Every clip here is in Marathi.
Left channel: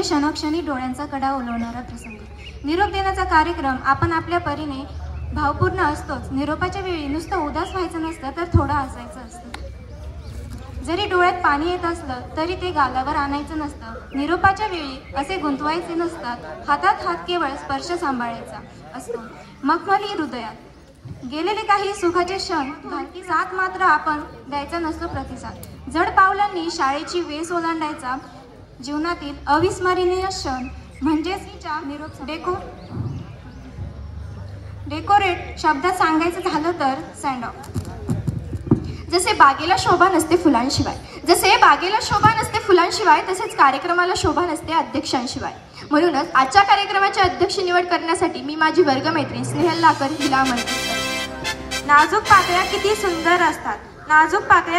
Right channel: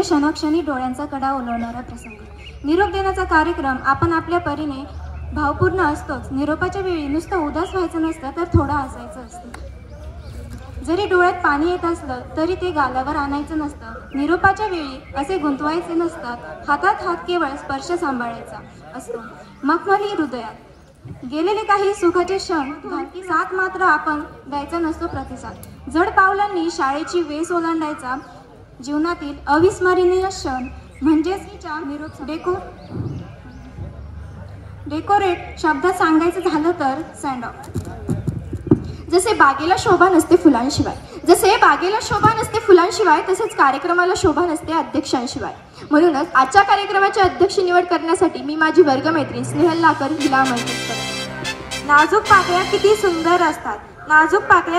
म्हणजे क्षणोक्षणी डोळ्यांचा कडा ओलवणारा प्रसंग. निरोप देण्याचा कार्यक्रम आपण आपल्या परीने भावपूर्ण असतोच. निरोपाच्या वेळी नुसतं उदास व्हायचं नसतं तर थोडं हसायचं असतं. जरी डोळ्यात पाणी येत असलं तरी ते गालावर आणायचं नसतं. निरोपाच्या वेळी असे गुंतवायचे नसतात. हातात हात केवळ स्पर्श सांभाळायचा असतो. मखमली हृदयात गेलेले काही सुखाचे क्षण बाकी साथ मात्र आपण द्यायचा नसतो प्रतिसाद. जड पावलांनी शाळेची वेस ओलांडायचा जीवनातील अविस्मरणीय क्षण म्हणजेच डेकोरेट शब्दात सांगायचं झालं तर सँड ऑफ. जसे बागेला शोभा नसते फुलांशिवाय तसेच कार्यक्रमाला शोभा नसते अध्यक्षांशिवाय. म्हणूनच आजच्या कार्यक्रमाची अध्यक्ष निवड करण्यासाठी मी माझी वर्गमैत्रीण स्नेहल लाकर हिला आमंत्रित करते. नाजूक पाकळ्या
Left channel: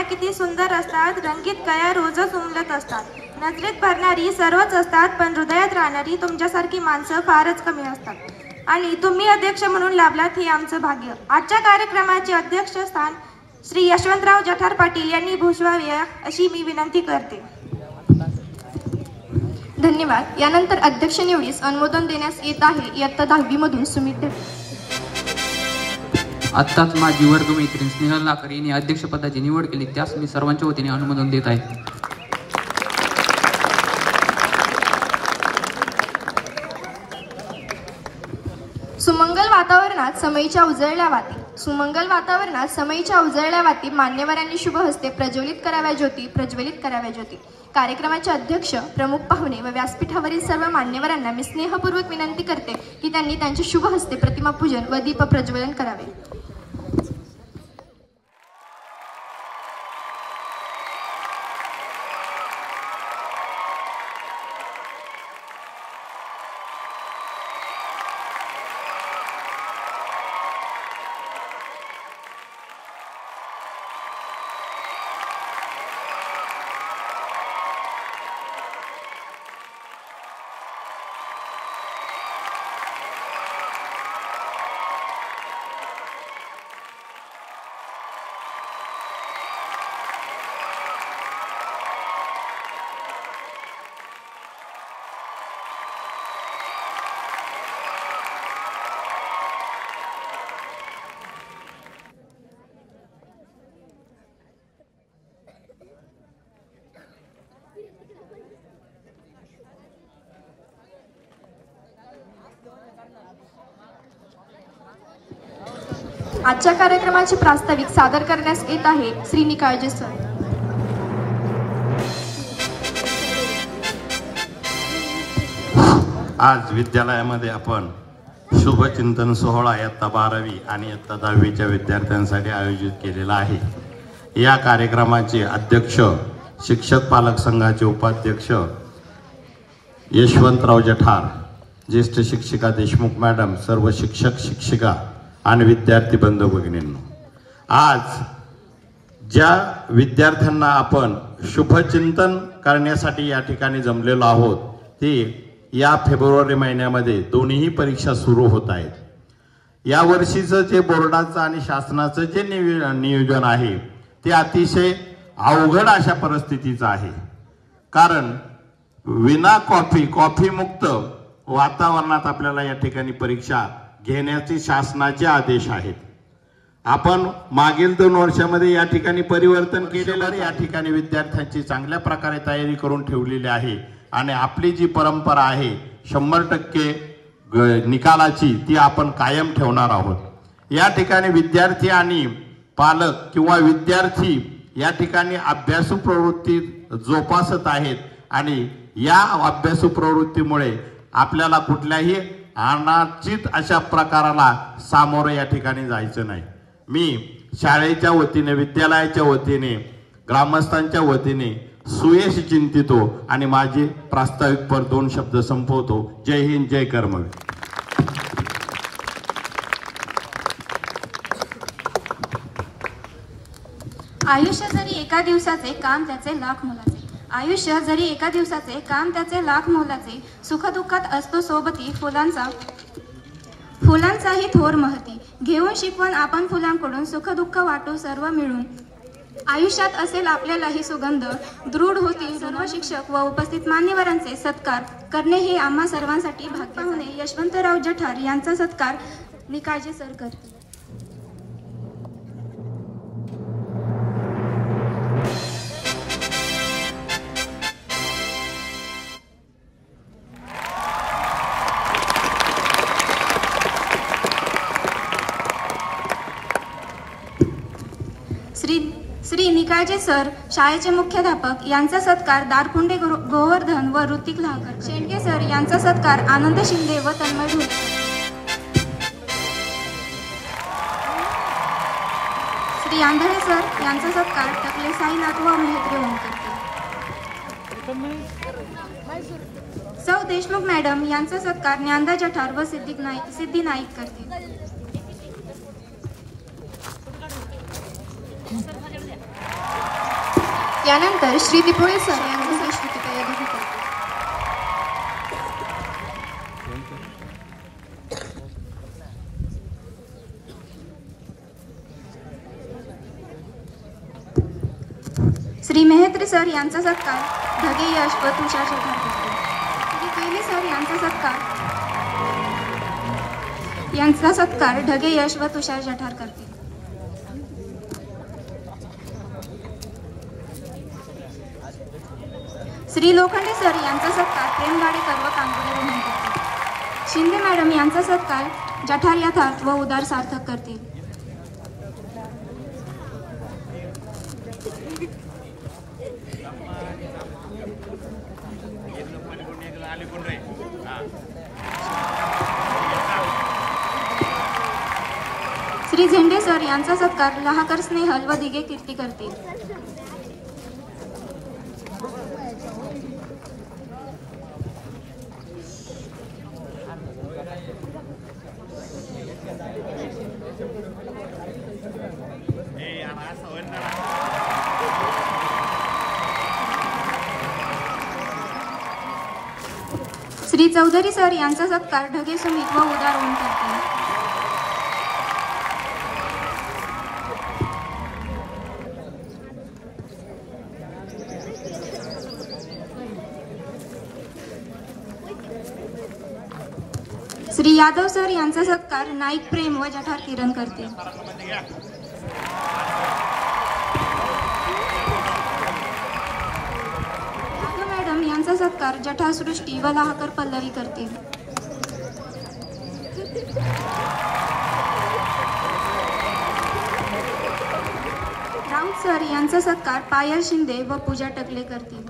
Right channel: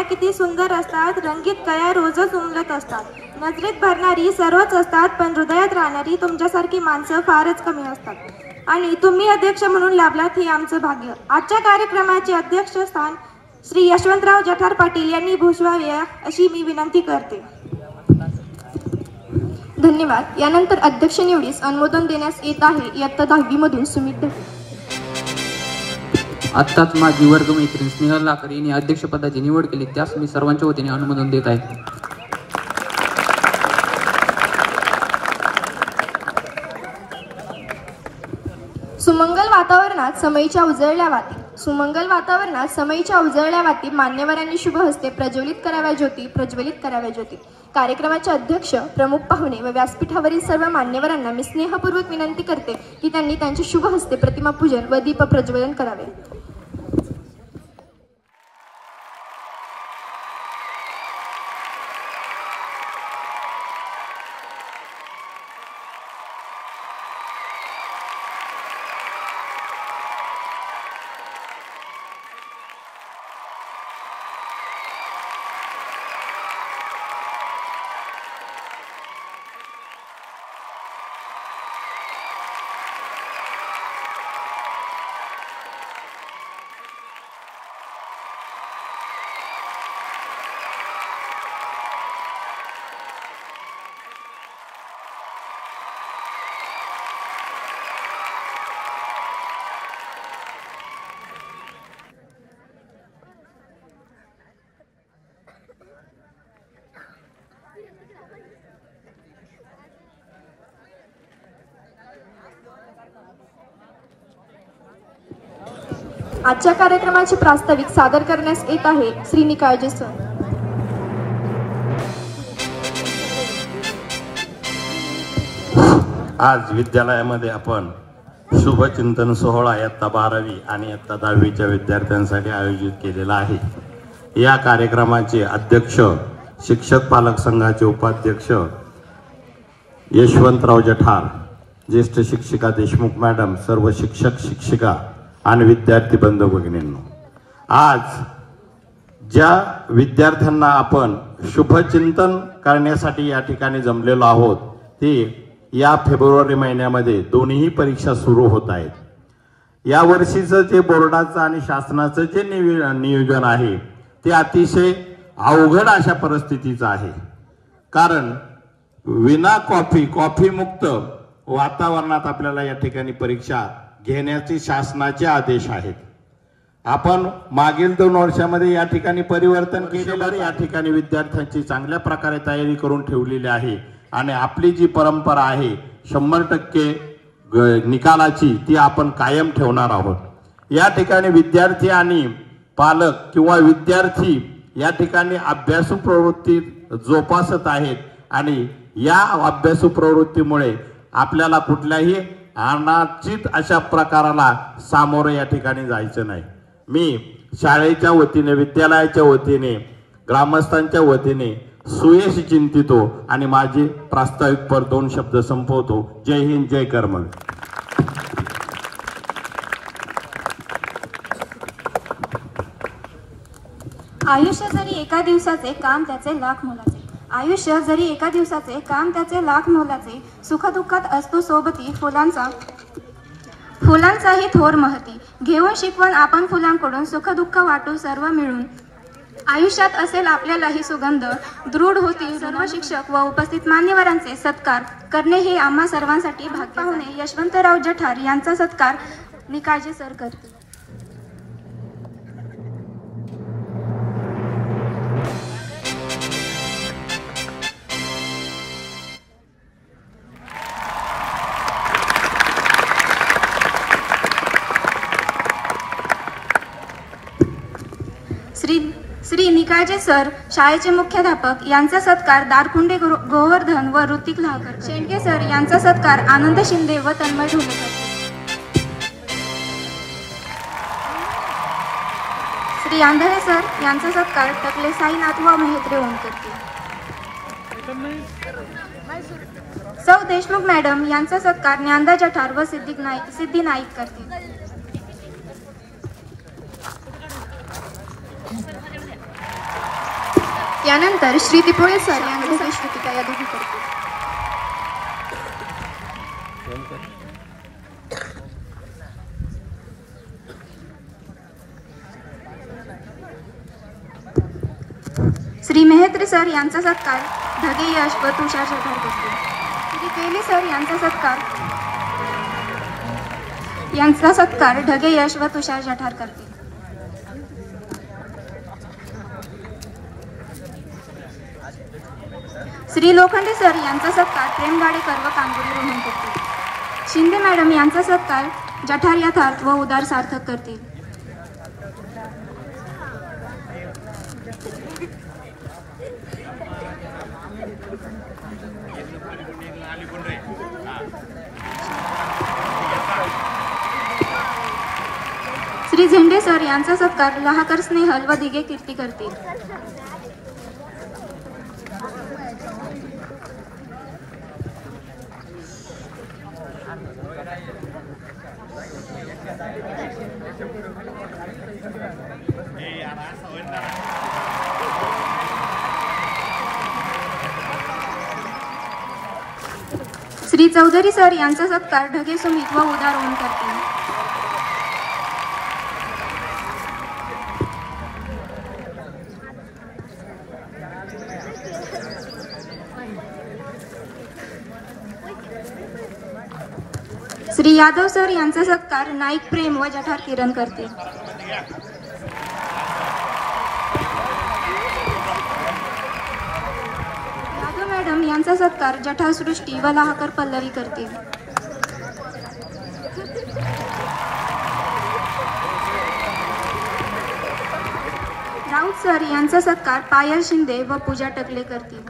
किती सुंदर असतात. रंगीत कळ्या रोजच उमलत असतात. नजरेत भरणारी सर्वच असतात पण हृदयात राहणारी तुमच्यासारखी माणसं फारच कमी असतात आणि तुम्ही अध्यक्ष म्हणून लाभलात हे आमचं भाग्य. आजच्या कार्यक्रमाचे अध्यक्षस्थान श्री यशवंतराव जठार पाटील यांनी भूषवावे अशी मी विनंती करते. धन्यवाद. यानंतर अध्यक्ष निवडीस अनुमोदन देण्यास येत आहे इयत्ता 10वी मधून सुमित. आत्ताच माझी वर्गमैत्रीण स्नेहल लाकर यांनी अध्यक्षपदाची निवड केली, त्यास मी सर्वांच्या वतीने अनुमोदन देत आहे. सुमंगल वातावरणात समयीच्या उजळल्या वाती मान्यवरांनी शुभ हस्ते प्रज्वलित कराव्या ज्योती. कार्यक्रमाचे अध्यक्ष, प्रमुख पाहुणे व व्यासपीठावरील सर्व मान्यवरांना मी स्नेहपूर्वक विनंती करते की त्यांनी त्यांचे शुभ हस्ते प्रतिमा पूजन व दीप प्रज्वलन करावे. आजच्या कार्यक्रमाचे प्रास्ताविक सादर करण्यास येत आहे श्री निकाळजे सर. आज विद्यालयामध्ये आपण शुभचिंतन सोहळा इयत्ता 12वी आणि इयत्ता 10वीच्या विद्यार्थ्यांसाठी आयोजित केलेला आहे. या कार्यक्रमाचे अध्यक्ष, शिक्षक पालक संघाचे उपाध्यक्ष यशवंतराव जठार, ज्येष्ठ शिक्षिका देशमुख मॅडम, सर्व शिक्षक शिक्षिका आणि विद्यार्थी बंधू भगिनींनो, आज ज्या विद्यार्थ्यांना आपण शुभचिंतन करण्यासाठी या ठिकाणी जमलेलो आहोत ते या फेब्रुवारी महिन्यामध्ये दोन्ही परीक्षा सुरू होत आहेत. या वर्षीचं जे बोर्डाचं आणि शासनाचं जे नियोजन आहे ते अतिशय अवघड अशा परिस्थितीचं आहे. कारण विना कॉफी मुक्त वातावरणात आपल्याला या ठिकाणी परीक्षा घेण्याचे शासनाचे आदेश आहेत. आपण मागील 2 वर्षामध्ये या ठिकाणी परिवर्तन केलेलं आहे. या ठिकाणी विद्यार्थ्यांची चांगल्या प्रकारे तयारी करून ठेवलेली आहे आणि आपली जी परंपरा आहे 100% निकालाची ती आपण कायम ठेवणार आहोत. या ठिकाणी विद्यार्थी आणि पालक किंवा विद्यार्थी या ठिकाणी अभ्यासू प्रवृत्ती जोपासत आहेत आणि या अभ्यासू प्रवृत्तीमुळे आपल्याला कुठल्याही अनाचित अशा प्रकाराला सामोरं या ठिकाणी जायचं नाही. मी शाळेच्या वतीने, विद्यालयाच्या वतीने, ग्रामस्थांच्या वतीने सुयश चिंतितो आणि माझी प्रास्ताविक पर 2 शब्द संपवतो. जय हिंद, जय कर्मवीर. आयुष्य जरी एका दिवसाचे काम त्याचे लाख मोलाचे. सुखदुःखात असतो सोबती फुलांचाही थोर महती. घेऊन शिकवण आपण फुलांकडून सुखदुःख वाटू सर्व मिळून. आयुष्यात असेल आपल्यालाही सुगंध, दृढ होतील सर्व शिक्षक व उपस्थित मान्यवरांचे सत्कार करणे हे आम्हा सर्वांसाठी भाग्य. पाहुणे यशवंतराव जठार यांचा सत्कार निकाळजे सर करतील. श्री निकाळजे सर शाळेचे मुख्याध्यापक यांचा सत्कार दारकुंडे गोवर्धन व ऋतिक लाहकर. शेंडके सर यांचा सत्कार आनंद शिंदे व तन्मय ढोलेकर. श्री आंधळे सर यांचा सत्कार टकले साईनाथ व मेहत्रे ओम करतील. सौ देशमुख मॅडम यांचा सत्कार ज्ञानदा जठार व सिद्धी नाईक करतील. यानंतर श्री दिपोळे सर यांचा श्रुतिका या दोघी करतील. श्री मेहत्रे सर यांचा सत्कार ढगे यश व तुषार जठार करतील. श्री कैली सर यांचा सत्कार ढगे यश व तुषार जठार करतील. श्री लोखंडे सर यांचा सत्कार प्रेम गाडेकर व कांगोली रोहन करतील. शिंदे मॅडम यांचा सत्कार जठार यथार्थ व उदार सार्थक करतील. श्री झेंडे सर यांचा सत्कार लहाकर स्नेहल व दिगे कीर्ती करतील. श्री चौधरी सर यांचा सत्कार ढगे सुमित व उदार ओम करतील. श्री यादव सर यांचा सत्कार नाईक प्रेम व जठार किरण करतील. यादव मॅडम यांचा सत्कार जठार सृष्टी व लाहकर पल्लवी करतील. राऊत सर यांचा सत्कार पायल शिंदे व पूजा टकले करतील.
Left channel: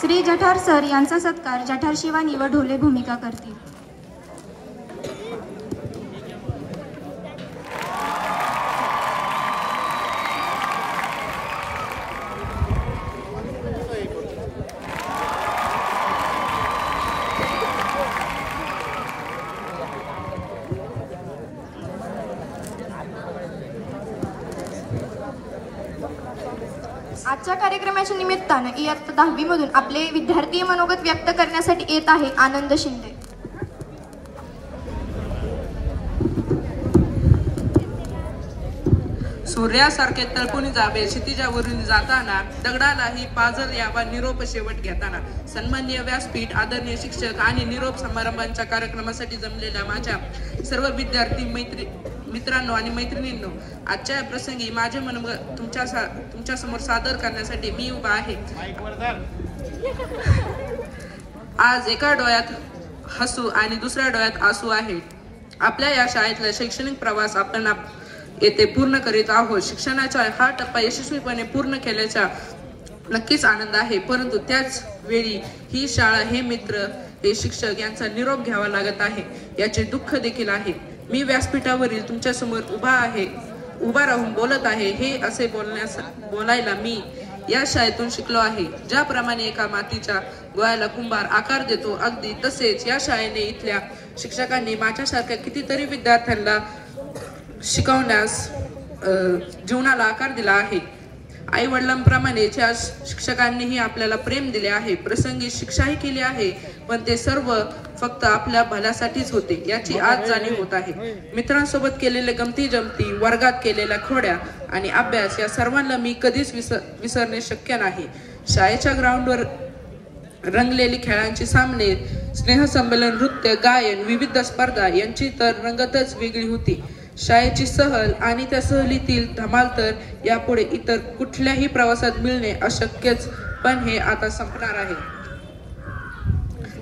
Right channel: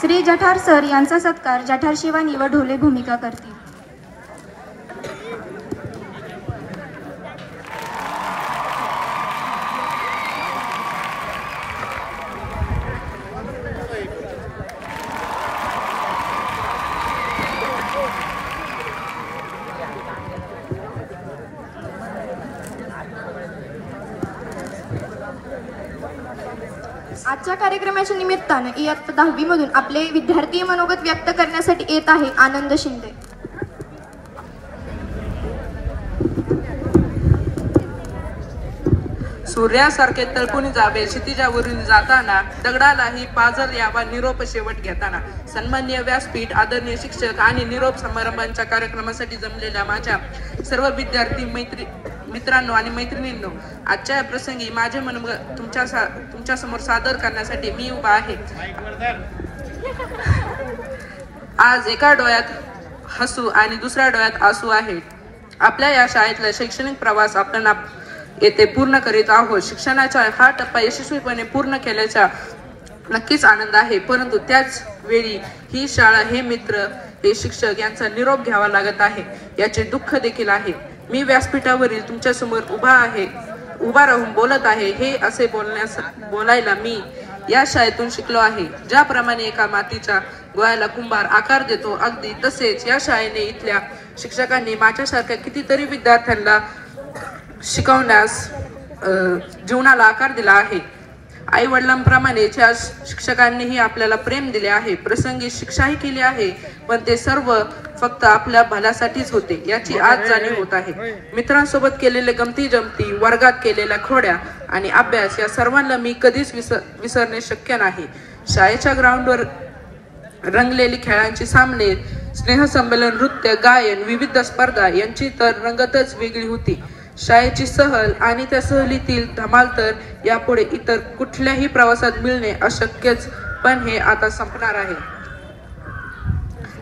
श्री जठार सर यांचा सत्कार जठार शिवानी व ढोले भूमिका करतील. आजच्या कार्यक्रमाच्या निमित्तानं इयत्ता 10वी मधून आपले विद्यार्थी मनोगत व्यक्त करण्यासाठी येत आहे आनंद शिंदे. सूर्यासारखे तळपून जावे क्षितिजावरून जाताना, दगडालाही पाजर यावा निरोप शेवट घेताना. सन्माननीय व्यासपीठ, आदरणीय शिक्षक आणि निरोप समारंभांच्या कार्यक्रमासाठी जमलेल्या माझ्या सर्व विद्यार्थी मित्रांनो आणि मैत्रिणींनो, आजच्या प्रसंगी माझे मनोगत तुमच्या समोर सादर करण्यासाठी मी उभा आहे. आज एका डोळ्यात हसू आणि दुसऱ्या डोळ्यात आसू आहे. आपल्या या शाळेतला शैक्षणिक प्रवास आपण येथे पूर्ण करीत आहोत. शिक्षणाचा हा टप्पा यशस्वीपणे पूर्ण केल्याचा नक्कीच आनंद आहे, परंतु त्याच वेळी ही शाळा, हे मित्र, हे शिक्षक यांचा निरोप घ्यावा लागत आहे याचे दुःख देखील आहे. मी व्यासपीठावरील तुमच्या समोर उभा राहून बोलत आहे. हे असे बोलायला मी या शाळेतून शिकलो आहे. ज्याप्रमाणे एका मातीच्या गोळ्याला कुंभार आकार देतो, अगदी तसेच या शाळेने इथल्या शिक्षकांनी माझ्यासारख्या कितीतरी विद्यार्थ्यांना शिकवण्यास जीवनाला आकार दिला आहे. आई वडिलांप्रमाणे ज्या शिक्षकांनीही आपल्याला प्रेम दिले आहे, प्रसंगी शिक्षाही केली आहे, पण ते सर्व फक्त आपल्या भल्यासाठीच होते याची आज जाणीव होत आहे. मित्रांसोबत केलेले गमती जमती, वर्गात केलेल्या खोड्या आणि अभ्यास या सर्वांना मी कधीच विसरणे शक्य नाही. शाळेच्या ग्राउंडवर रंगलेली खेळांची सामने, स्नेहसंमेलन, नृत्य, गायन, विविध स्पर्धा यांची तर रंगतच वेगळी होती. शाळेची सहल आणि त्या सहलीतील धमाल तर यापुढे इतर कुठल्याही प्रवासात मिळणे अशक्यच, पण हे आता संपणार आहे.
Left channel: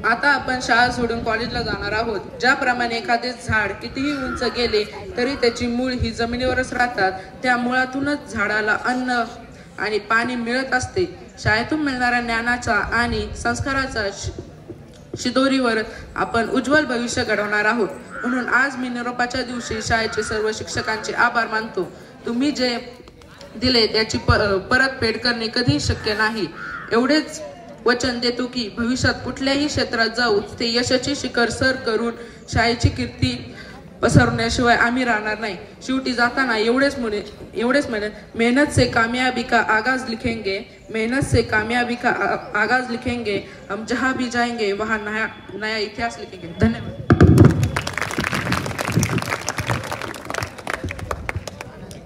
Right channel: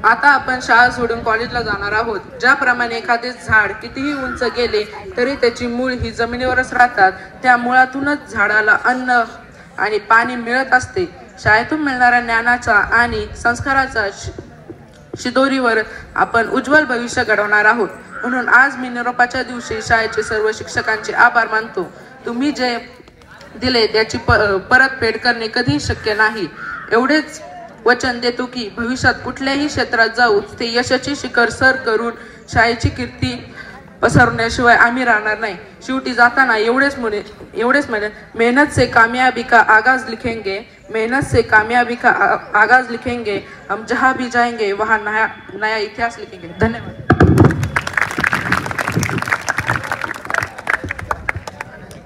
आता आपण शाळा सोडून कॉलेजला जाणार आहोत. ज्याप्रमाणे एखादे झाड कितीही उंच गेले तरी त्याची मूळ ही जमिनीवरच राहतात, त्या मुळातूनच झाडाला अन्न आणि पाणी मिळत असते. शाळेतून मिळणाऱ्या ज्ञानाचा आणि संस्काराचा शिदोरीवर आपण उज्ज्वल भविष्य घडवणार आहोत. म्हणून आज मी निरोपाच्या दिवशी शाळेचे सर्व शिक्षकांचे आभार मानतो. तुम्ही जे दिले त्याची परतफेड करणे कधीही शक्य नाही. एवढेच वचन देतो की भविष्यात कुठल्याही क्षेत्रात जाऊ ते यशाचे शिखर सर करून शाळेची कीर्ती पसरवण्याशिवाय आम्ही राहणार नाही. शेवटी जाताना एवढेच म्हणेन, मेहनत से कामयाबी का आगाज लिखेंगे, मेहनत से कामयाबी का आगाज लिखेंगे, हम जहां भी जाएंगे वहां नया इतिहास लिखेंगे. धन्यवाद.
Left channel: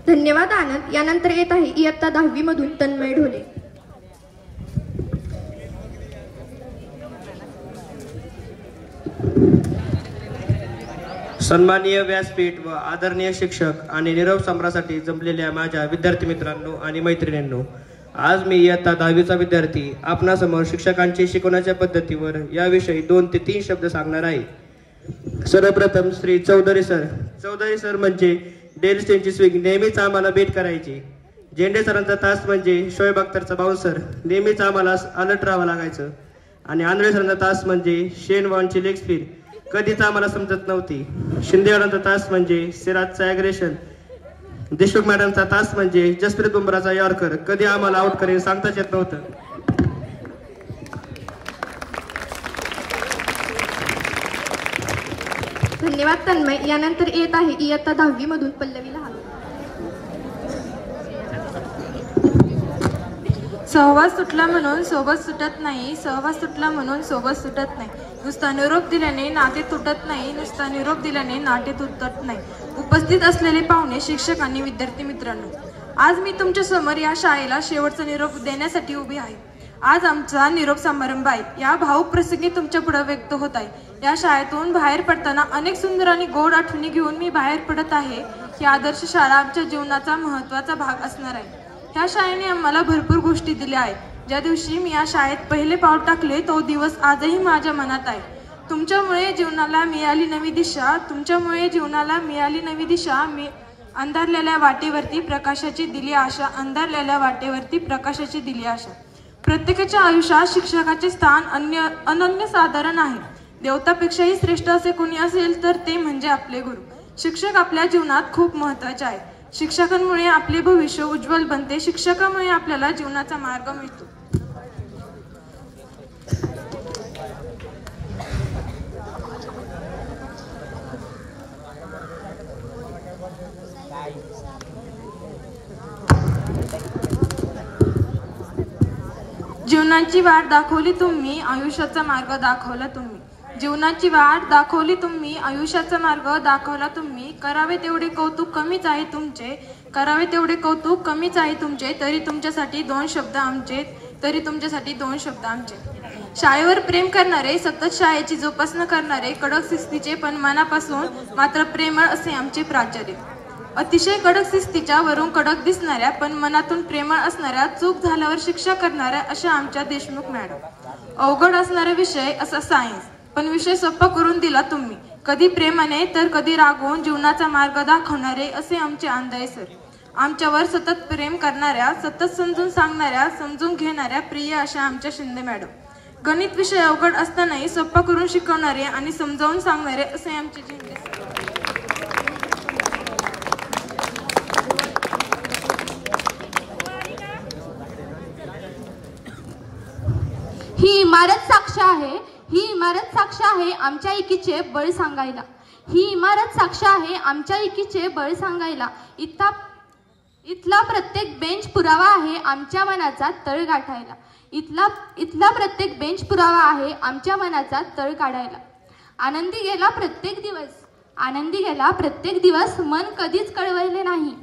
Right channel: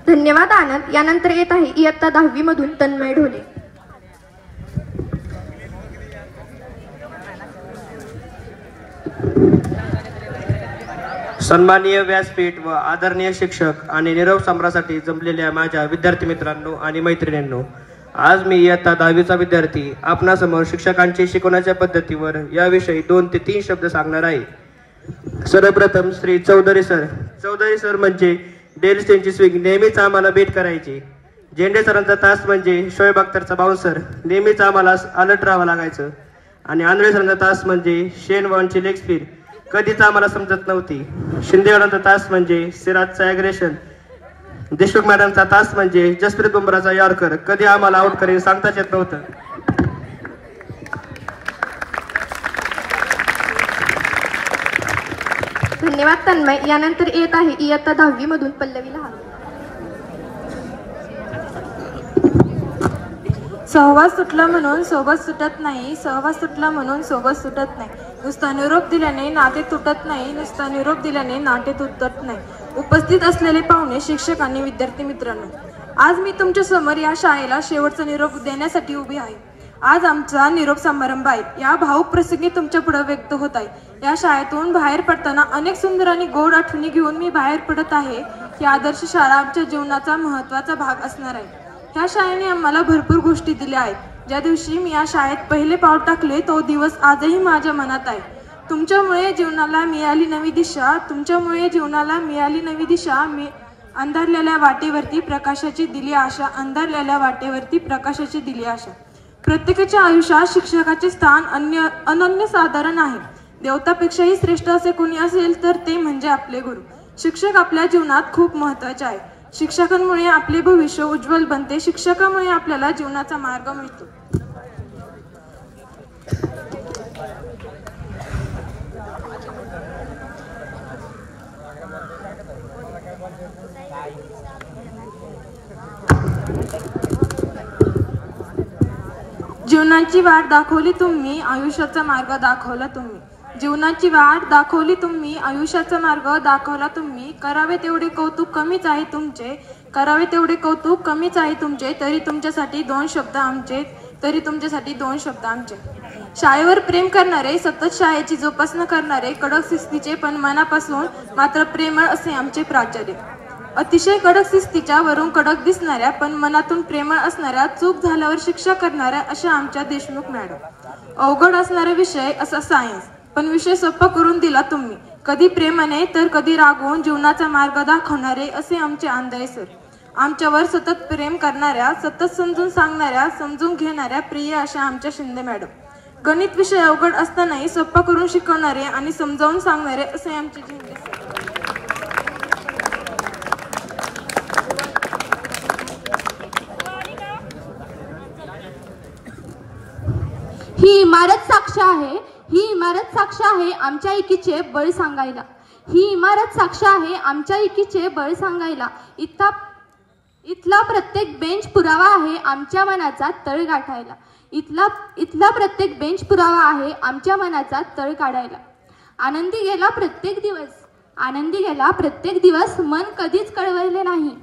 धन्यवाद आनंद. यानंतर येत आहे इयत्ता 10वी मधून तन्मय ढोले. सन्माननीय व्यासपीठ व आदरणीय शिक्षक आणि निरोप सम्रासाठी जमलेल्या माझ्या विद्यार्थी मित्रांनो आणि मैत्रिणींनो, आज मी इयत्ता 10वीचा विद्यार्थी आपणासमोर शिक्षकांची शिकवण्याच्या पद्धतीवर याविषयी 2 ते 3 शब्द सांगणार आहे. सर्वप्रथम श्री चौधरी सर म्हणजे डेल स्टेनची स्विंग नेहमीच आम्हाला बेट करायची. झेंडे सरांचा तास म्हणजे शोएब अख्तरचा बाउन्सर, नेहमीच आम्हाला अलर्ट राहावं लागायचं. आणि आंधळे सरांचा तास म्हणजे शेन वॉनची लेग स्पीड, कधीच आम्हाला समजत नव्हती. शिंदेवाडांचा तास म्हणजे सिराजचा ॲग्रेशन, देशमुख मॅडमचा तास म्हणजे जसप्रीत बुमराचा यॉर्कर, कधी आम्हाला आउट करेल सांगताच येत नव्हतं. धन्यवाद तन्मय. यानंतर येत आहे इयत्ता 10वी मधून पल्लवी लहान. सहवास सुटला म्हणून सोबत सुटत नाही, सहवास सुटला म्हणून सोबत सुटत नाही. नुसता निरोप दिल्याने नाते तुटत नाही, नुसता निरोप दिल्याने नाते तुटत नाही. उपस्थित असलेले पाहुणे, शिक्षक आणि विद्यार्थी मित्रांनो, आज मी तुमच्या समोर या शाळेला शेवटचा निरोप देण्यासाठी उभी आहे. आज आमचा निरोप समारंभ आहे. या भाऊक प्रसंगी तुमच्या पुढे व्यक्त होत आहे. या शाळेतून बाहेर पडताना अनेक सुंदर आणि गोड आठवणी घेऊन मी बाहेर पडत आहे. ही आदर्श शाळा आमच्या जीवनाचा महत्त्वाचा भाग असणार आहे. ह्या शाळेने आम्हाला भरपूर गोष्टी दिल्या आहेत. ज्या दिवशी मी या शाळेत पहिले पाऊल टाकले तो दिवस आजही माझ्या मनात आहे. तुमच्यामुळे जीवनाला मिळाली नवी दिशा, तुमच्यामुळे जीवनाला मिळाली नवी दिशा. मी अंधारलेल्या वाटेवरती प्रकाशाची दिली आशा, अंधारलेल्या वाटेवरती प्रकाशाची दिली आशा. प्रत्येकाच्या आयुष्यात शिक्षकाचे स्थान अनन्यसाधारण आहे. देवतापेक्षाही श्रेष्ठ असे कोणी असेल तर ते म्हणजे आपले गुरु. शिक्षक आपल्या जीवनात खूप महत्त्वाचे आहेत. शिक्षकांमुळे आपले भविष्य उज्ज्वल बनते. शिक्षकामुळे आपल्याला जीवनाचा मार्ग मिळतो. जीवनाची वाट दाखवली तुम्ही, आयुष्याचा मार्ग दाखवला तुम्ही. जीवनाची वाट दाखवली तुम्ही, आयुष्याचा मार्ग दाखवला तुम्ही. करावे तेवढे कौतुक कमीच आहे तुमचे, करावे तेवढे कौतुक कमीच आहे तुमचे. तरी तुमच्यासाठी 2 शब्द आमचे, तरी तुमच्यासाठी 2 शब्द आमचे. शाळेवर प्रेम करणारे, सतत शाळेची जोपासना करणारे, कडक शिस्तीचे पण मनापासून मात्र प्रेमळ असे आमचे प्राचार्य. अतिशय कडक शिस्तीच्या वरून कडक दिसणाऱ्या पण मनातून प्रेमळ असणाऱ्या, चूक झाल्यावर शिक्षा करणाऱ्या अशा आमच्या देशमुख मॅडम. अवघड असणारा विषय असा सायन्स, पण विषय सोपा करून दिला तुम्ही. कधी प्रेमाने तर कधी रागवून जीवनाचा मार्ग दाखवणारे असे आमचे आंधळे सर. आमच्यावर सतत प्रेम करणाऱ्या, सतत समजून सांगणाऱ्या, समजून घेणाऱ्या प्रिय अशा आमच्या शिंदे मॅडम. गणित विषय अवघड असतानाही सोपा करून शिकवणारे आणि समजावून सांगणारे असे आमचे झेंडे सर. ही इमारत साक्ष आहे, ही इमारत साक्ष आहे आमच्या एकीचे बळ सांगायला. ही इमारत साक्ष आहे आमच्या एकीचे बळ सांगायला. इथला प्रत्येक बेंच पुरावा आहे आमच्या मनाचा तळ गाठायला. इथला प्रत्येक बेंच पुरावा आहे आमच्या मनाचा तळ काढायला. आनंदी गेला प्रत्येक दिवस मन कधीच कळवले नाही.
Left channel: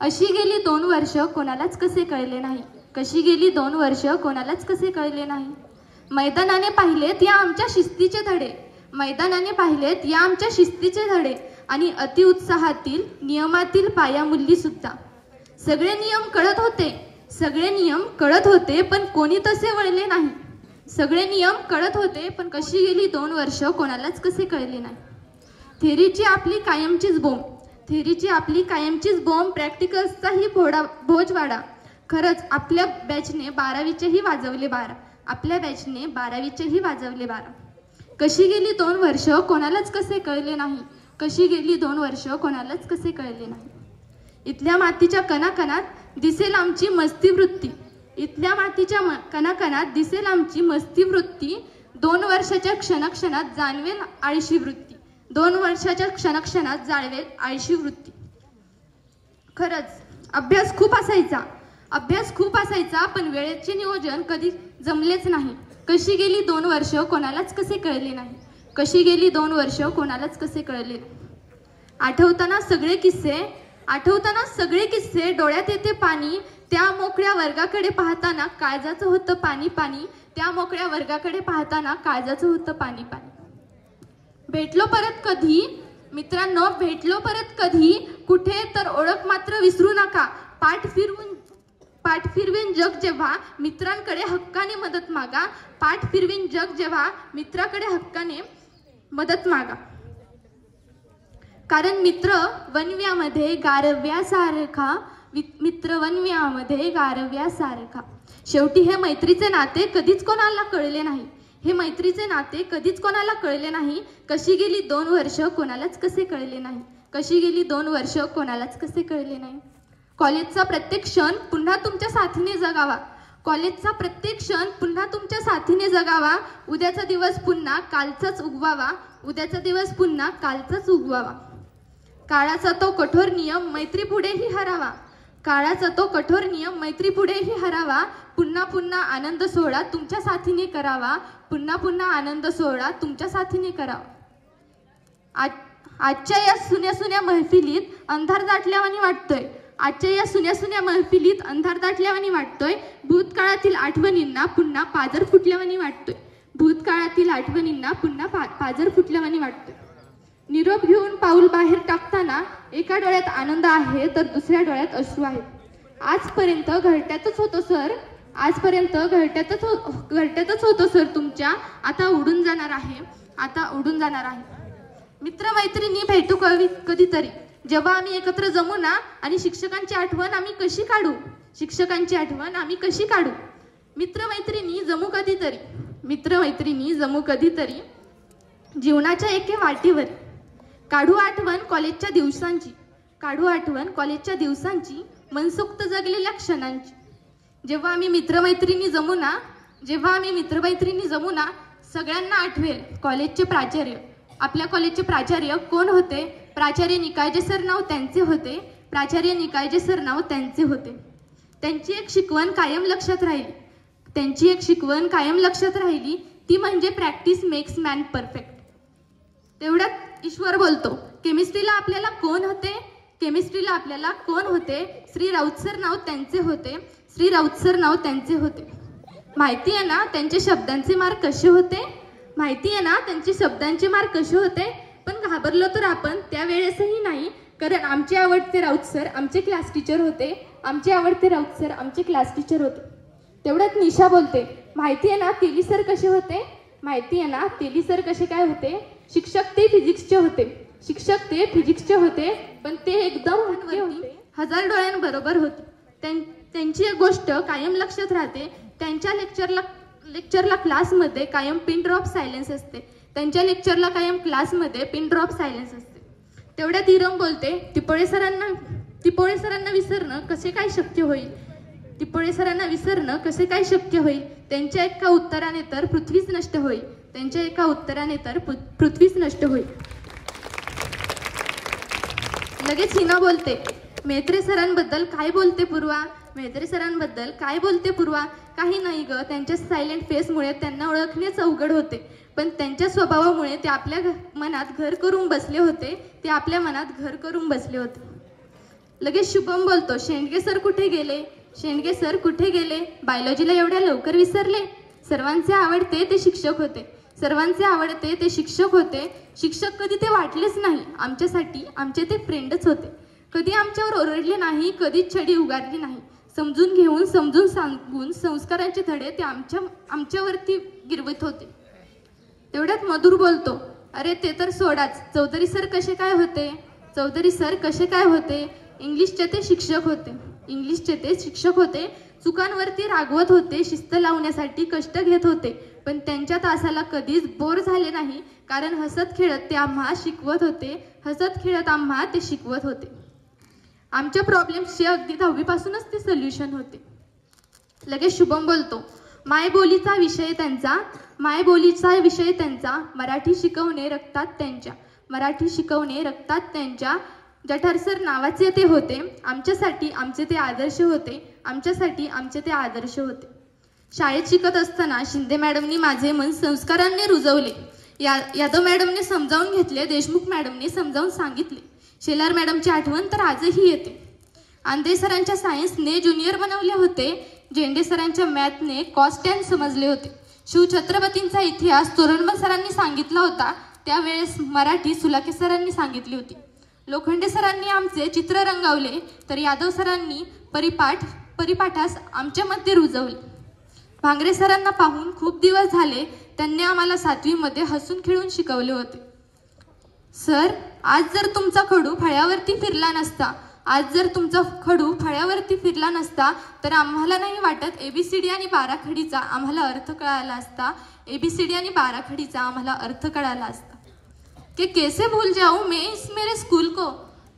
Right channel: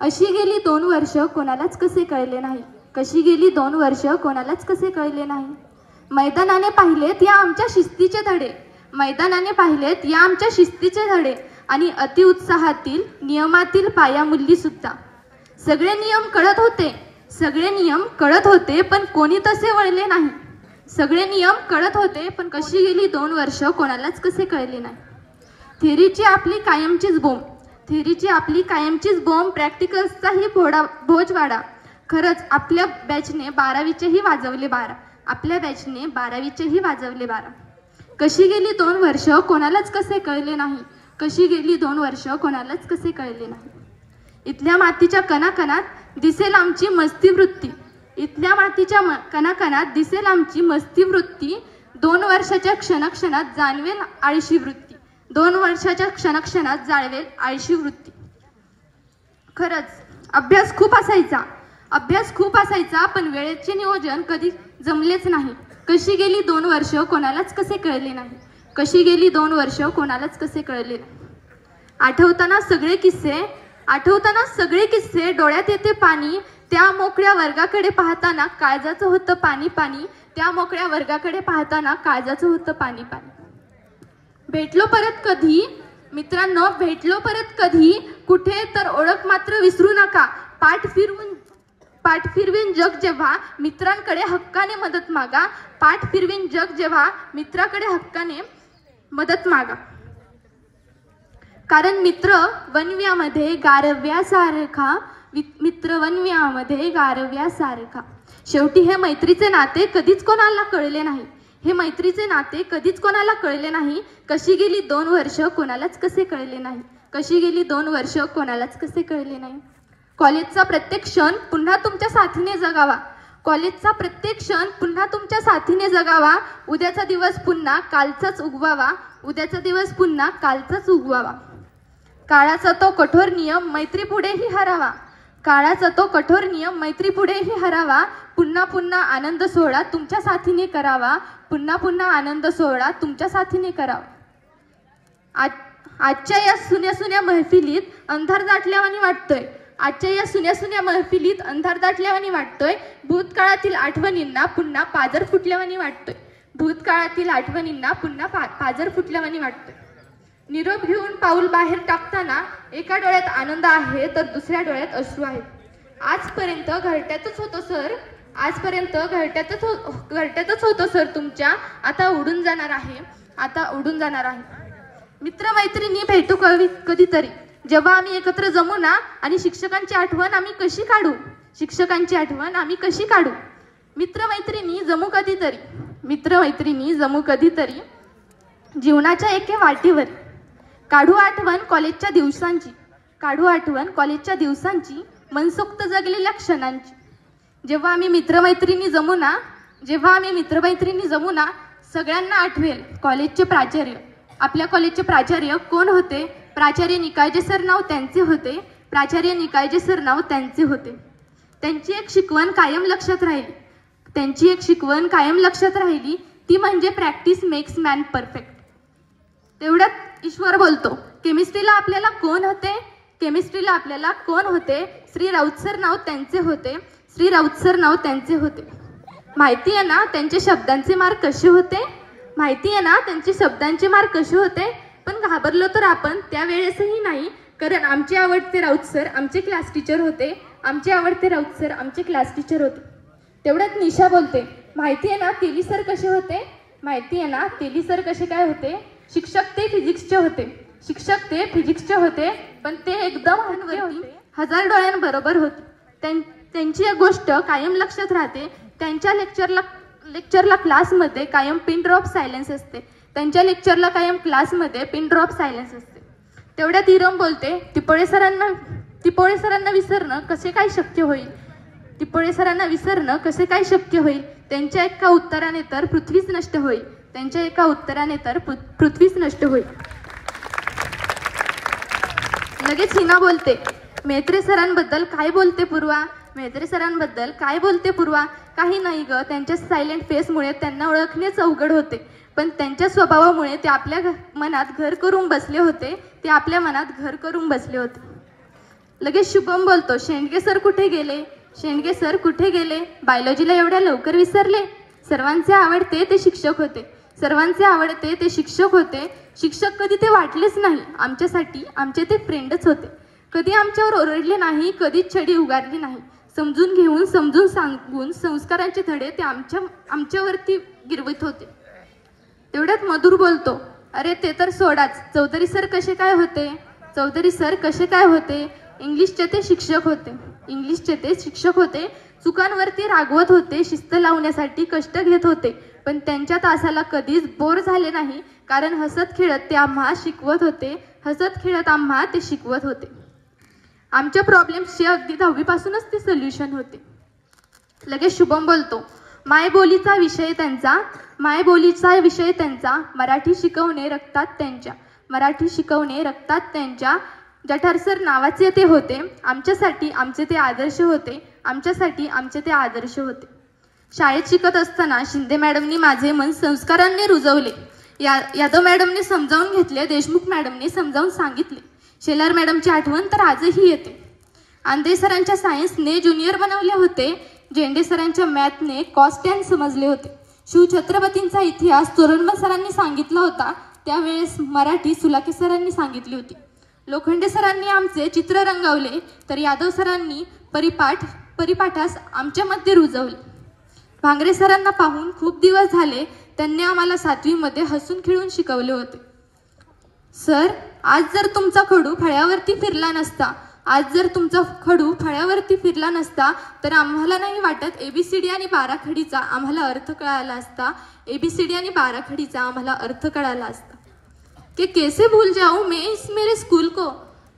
अशी गेली 2 वर्ष कोणालाच कसे कळले नाही. कशी गेली 2 वर्ष कोणालाच कसे कळले नाही. मैदानाने पाहिलेत या आमच्या शिस्तीचे धडे आणि अतिउत्साहातील नियमातील पायामुल्ली सुद्धा. सगळे नियम कळत होते पण कोणी तसे वळले नाही. सगळे नियम कळत होते पण कशी गेली 2 वर्ष कोणालाच कसे कळले नाही. थेरीची आपली कायमचीच बोंब प्रॅक्टिकल्सचाही भोजवाडा. खरंच आपल्या बॅचने 12वीचेही वाजवले 12. कशी गेली 2 वर्ष कोणालाच कसे कळले नाही. इथल्या मातीच्या कणाकणात दिसेल आमची मस्ती वृत्ती. 2 वर्षाच्या क्षणक्षणात जाणवेल आळशी वृत्ती. खरंच अभ्यास खूप असायचा पण वेळेचे नियोजन कधी जमलेच नाही. कशी गेली 2 वर्ष कोणालाच कसे कळले नाही. आठवताना सगळे किस्से डोळ्यात येते पाणी. त्या मोकळ्या वर्गाकडे पाहताना काळजाचं होतं पाणी. भेटलो परत कधी कुठे तर ओळख मात्र विसरू नका. पाठ फिरवीन जग जेव्हा मित्रांकडे हक्काने मदत मागा. कारण मित्र वनव्यामध्ये गारव्यासारखा. शेवटी हे मैत्रीचे नाते कधीच कोणाला कळले नाही. कशी गेली 2 वर्ष कोणालाच कसे कळले नाही. कॉलेजचा प्रत्येक क्षण पुन्हा तुमच्या साथीने जगावा. उद्याचा दिवस पुन्हा कालचाच उगवावा. काळाचा तो कठोर नियम मैत्री पुढेही हरावा. पुन्हा आनंद सोहळा तुमच्या साथीने करावा. आजच्या या सुन्या महफिलीत अंधार दाटल्यावानी वाटतोय. भूतकाळातील आठवणींना पुन्हा पाजर फुटल्यावानी वाटतोय. निरोप घेऊन पाऊल बाहेर टाकताना एका डोळ्यात आनंद आहे तर दुसऱ्या डोळ्यात अश्रू आहे. आजपर्यंत घरट्यातच होतो सर तुमच्या. आता उडून जाणार आहे. मित्रमैत्रिणी भेटू कधीतरी. जेव्हा आम्ही एकत्र जमू ना आणि शिक्षकांची आठवण आम्ही कशी काढू. मित्रमैत्रिणी जमू कधीतरी. जीवनाच्या एके वाटेवर काढू आठवण कॉलेजच्या दिवसांची मनसोक्त जगलेल्या क्षणांची. जेव्हा आम्ही मित्रमैत्रिणी जमू ना सगळ्यांना आठवेल कॉलेजचे प्राचार्य. आपल्या कॉलेजचे प्राचार्य कोण होते? प्राचार्य निकाळजे सर नाव त्यांचे होते. त्यांची एक शिकवण कायम लक्षात राहिली. ती म्हणजे प्रॅक्टिस मेक्स मॅन परफेक्ट. तेवढ्यात ईश्वर बोलतो, केमिस्ट्रीला आपल्याला कोण होते? श्री राऊत सर नाव त्यांचे होते. माहिती आहे ना त्यांचे शब्दांचे मार्क कसे होते. पण घाबरलो तर आपण त्यावेळेसही नाही, कारण आमचे आवडते राऊत सर आमचे क्लास टीचर होते. तेवढ्यात निशा बोलते, माहिती आहे ना तेली सर कसे काय होते? शिक्षक ते फिजिक्सचे होते पण ते एकदम 1000 डोळ्यांबरोबर होते. त्यांची एक गोष्ट कायम लक्षात राहते. त्यांच्या लेक्चरला क्लासमध्ये कायम पिन ड्रॉप सायलेन्स असते. तेवढ्यात इरम बोलते, टिपोळे सरांना विसरणं कसे काय शक्य होईल. त्यांच्या एका उत्तराने तर पृथ्वीच नष्ट होईल. लगेच हिना बोलते, मेत्रे सरांबद्दल काय बोलते पूर्वा? मेत्रे सरांबद्दल काय बोलते पूर्वा? काही नाही ग, त्यांच्या सायलेंट फेसमुळे त्यांना ओळखणेच अवघड होते. पण त्यांच्या स्वभावामुळे ते आपल्या मनात घर करून बसले होते. ते आपल्या मनात घर करून बसले होते. लगेच शुभम बोलतो, शेंडगे सर कुठे गेले? शेंडगे सर कुठे गेले? बायोलॉजीला एवढ्या लवकर विसरले? सर्वांचे आवडते ते शिक्षक होते. सर्वांचे आवडते ते शिक्षक होते. शिक्षक कधी ते वाटलेच नाही. आमच्यासाठी आमचे ते फ्रेंडच होते. कधी आमच्यावर ओरडले नाही, कधी छडी उगारली नाही. समजून घेऊन, समजून सांगून संस्कारांचे धडे ते आमच्यावरती गिरवित होते. तेवढ्यात मधुर बोलतो, अरे ते तर सोडाच, चौधरी सर कसे काय होते? चौधरी सर कसे काय होते? इंग्लिशचे ते शिक्षक होते. इंग्लिशचे ते शिक्षक होते. चुकांवरती रागवत होते. शिस्त लावण्यासाठी कष्ट घेत होते. पण त्यांच्या तासाला कधीच बोर झाले नाही, कारण हसत खेळत ते आम्हा शिकवत होते. हसत खेळत आम्हा ते शिकवत होते. आमच्या प्रॉब्लेम्सचे अगदी 10वी पासूनच ते सोल्युशन होते. लगेच शुभम बोलतो, मायबोलीचा विषय त्यांचा, मायबोलीचा विषय त्यांचा, मराठी शिकवणे रक्तात त्यांच्या, मराठी शिकवणे रक्तात त्यांच्या. जठार सर नावाचे ते होते. आमच्यासाठी आमचे ते आदर्श होते. आमच्यासाठी आमचे ते आदर्श होते. शाळेत शिकत असताना शिंदे मॅडमनी माझे मन संस्कारांनी रुजवले. यादव मॅडमने समजावून घेतले. देशमुख मॅडमने समजावून सांगितले. शेलार मॅडमची आठवण तर आजही येते. आंधे सरांच्या सायन्सने ज्युनियर बनवले होते. झेंडे सरांच्या मॅथने कॉन्स्टंट समजले होते. शिवछत्रपतींचा इतिहास चोरंबल सरांनी सांगितला होता. त्यावेळेस मराठी सुलाके सरांनी सांगितली होती. लोखंडे सरांनी आमचे चित्र रंगवले, तर यादव सरांनी परिपाठास आमच्यामध्ये रुजवले. भांगरे सरांना पाहून खूप दिवस झाले. त्यांनी आम्हाला 7वी मध्ये हसून खेळून शिकवले होते. सर, आज जर तुमचा खडू फळ्यावरती फिरला नसता, आज जर तुमचा खडू फळ्यावरती फिरला नसता, तर आम्हाला नाही वाटत एबीसीडी आणि बाराखडीचा आम्हाला अर्थ कळाला असता. एबीसीडी आणि बाराखडीचा आम्हाला अर्थ कळाला असता. कि कैसे भूल जाऊं मैं इस मेरे स्कूल को,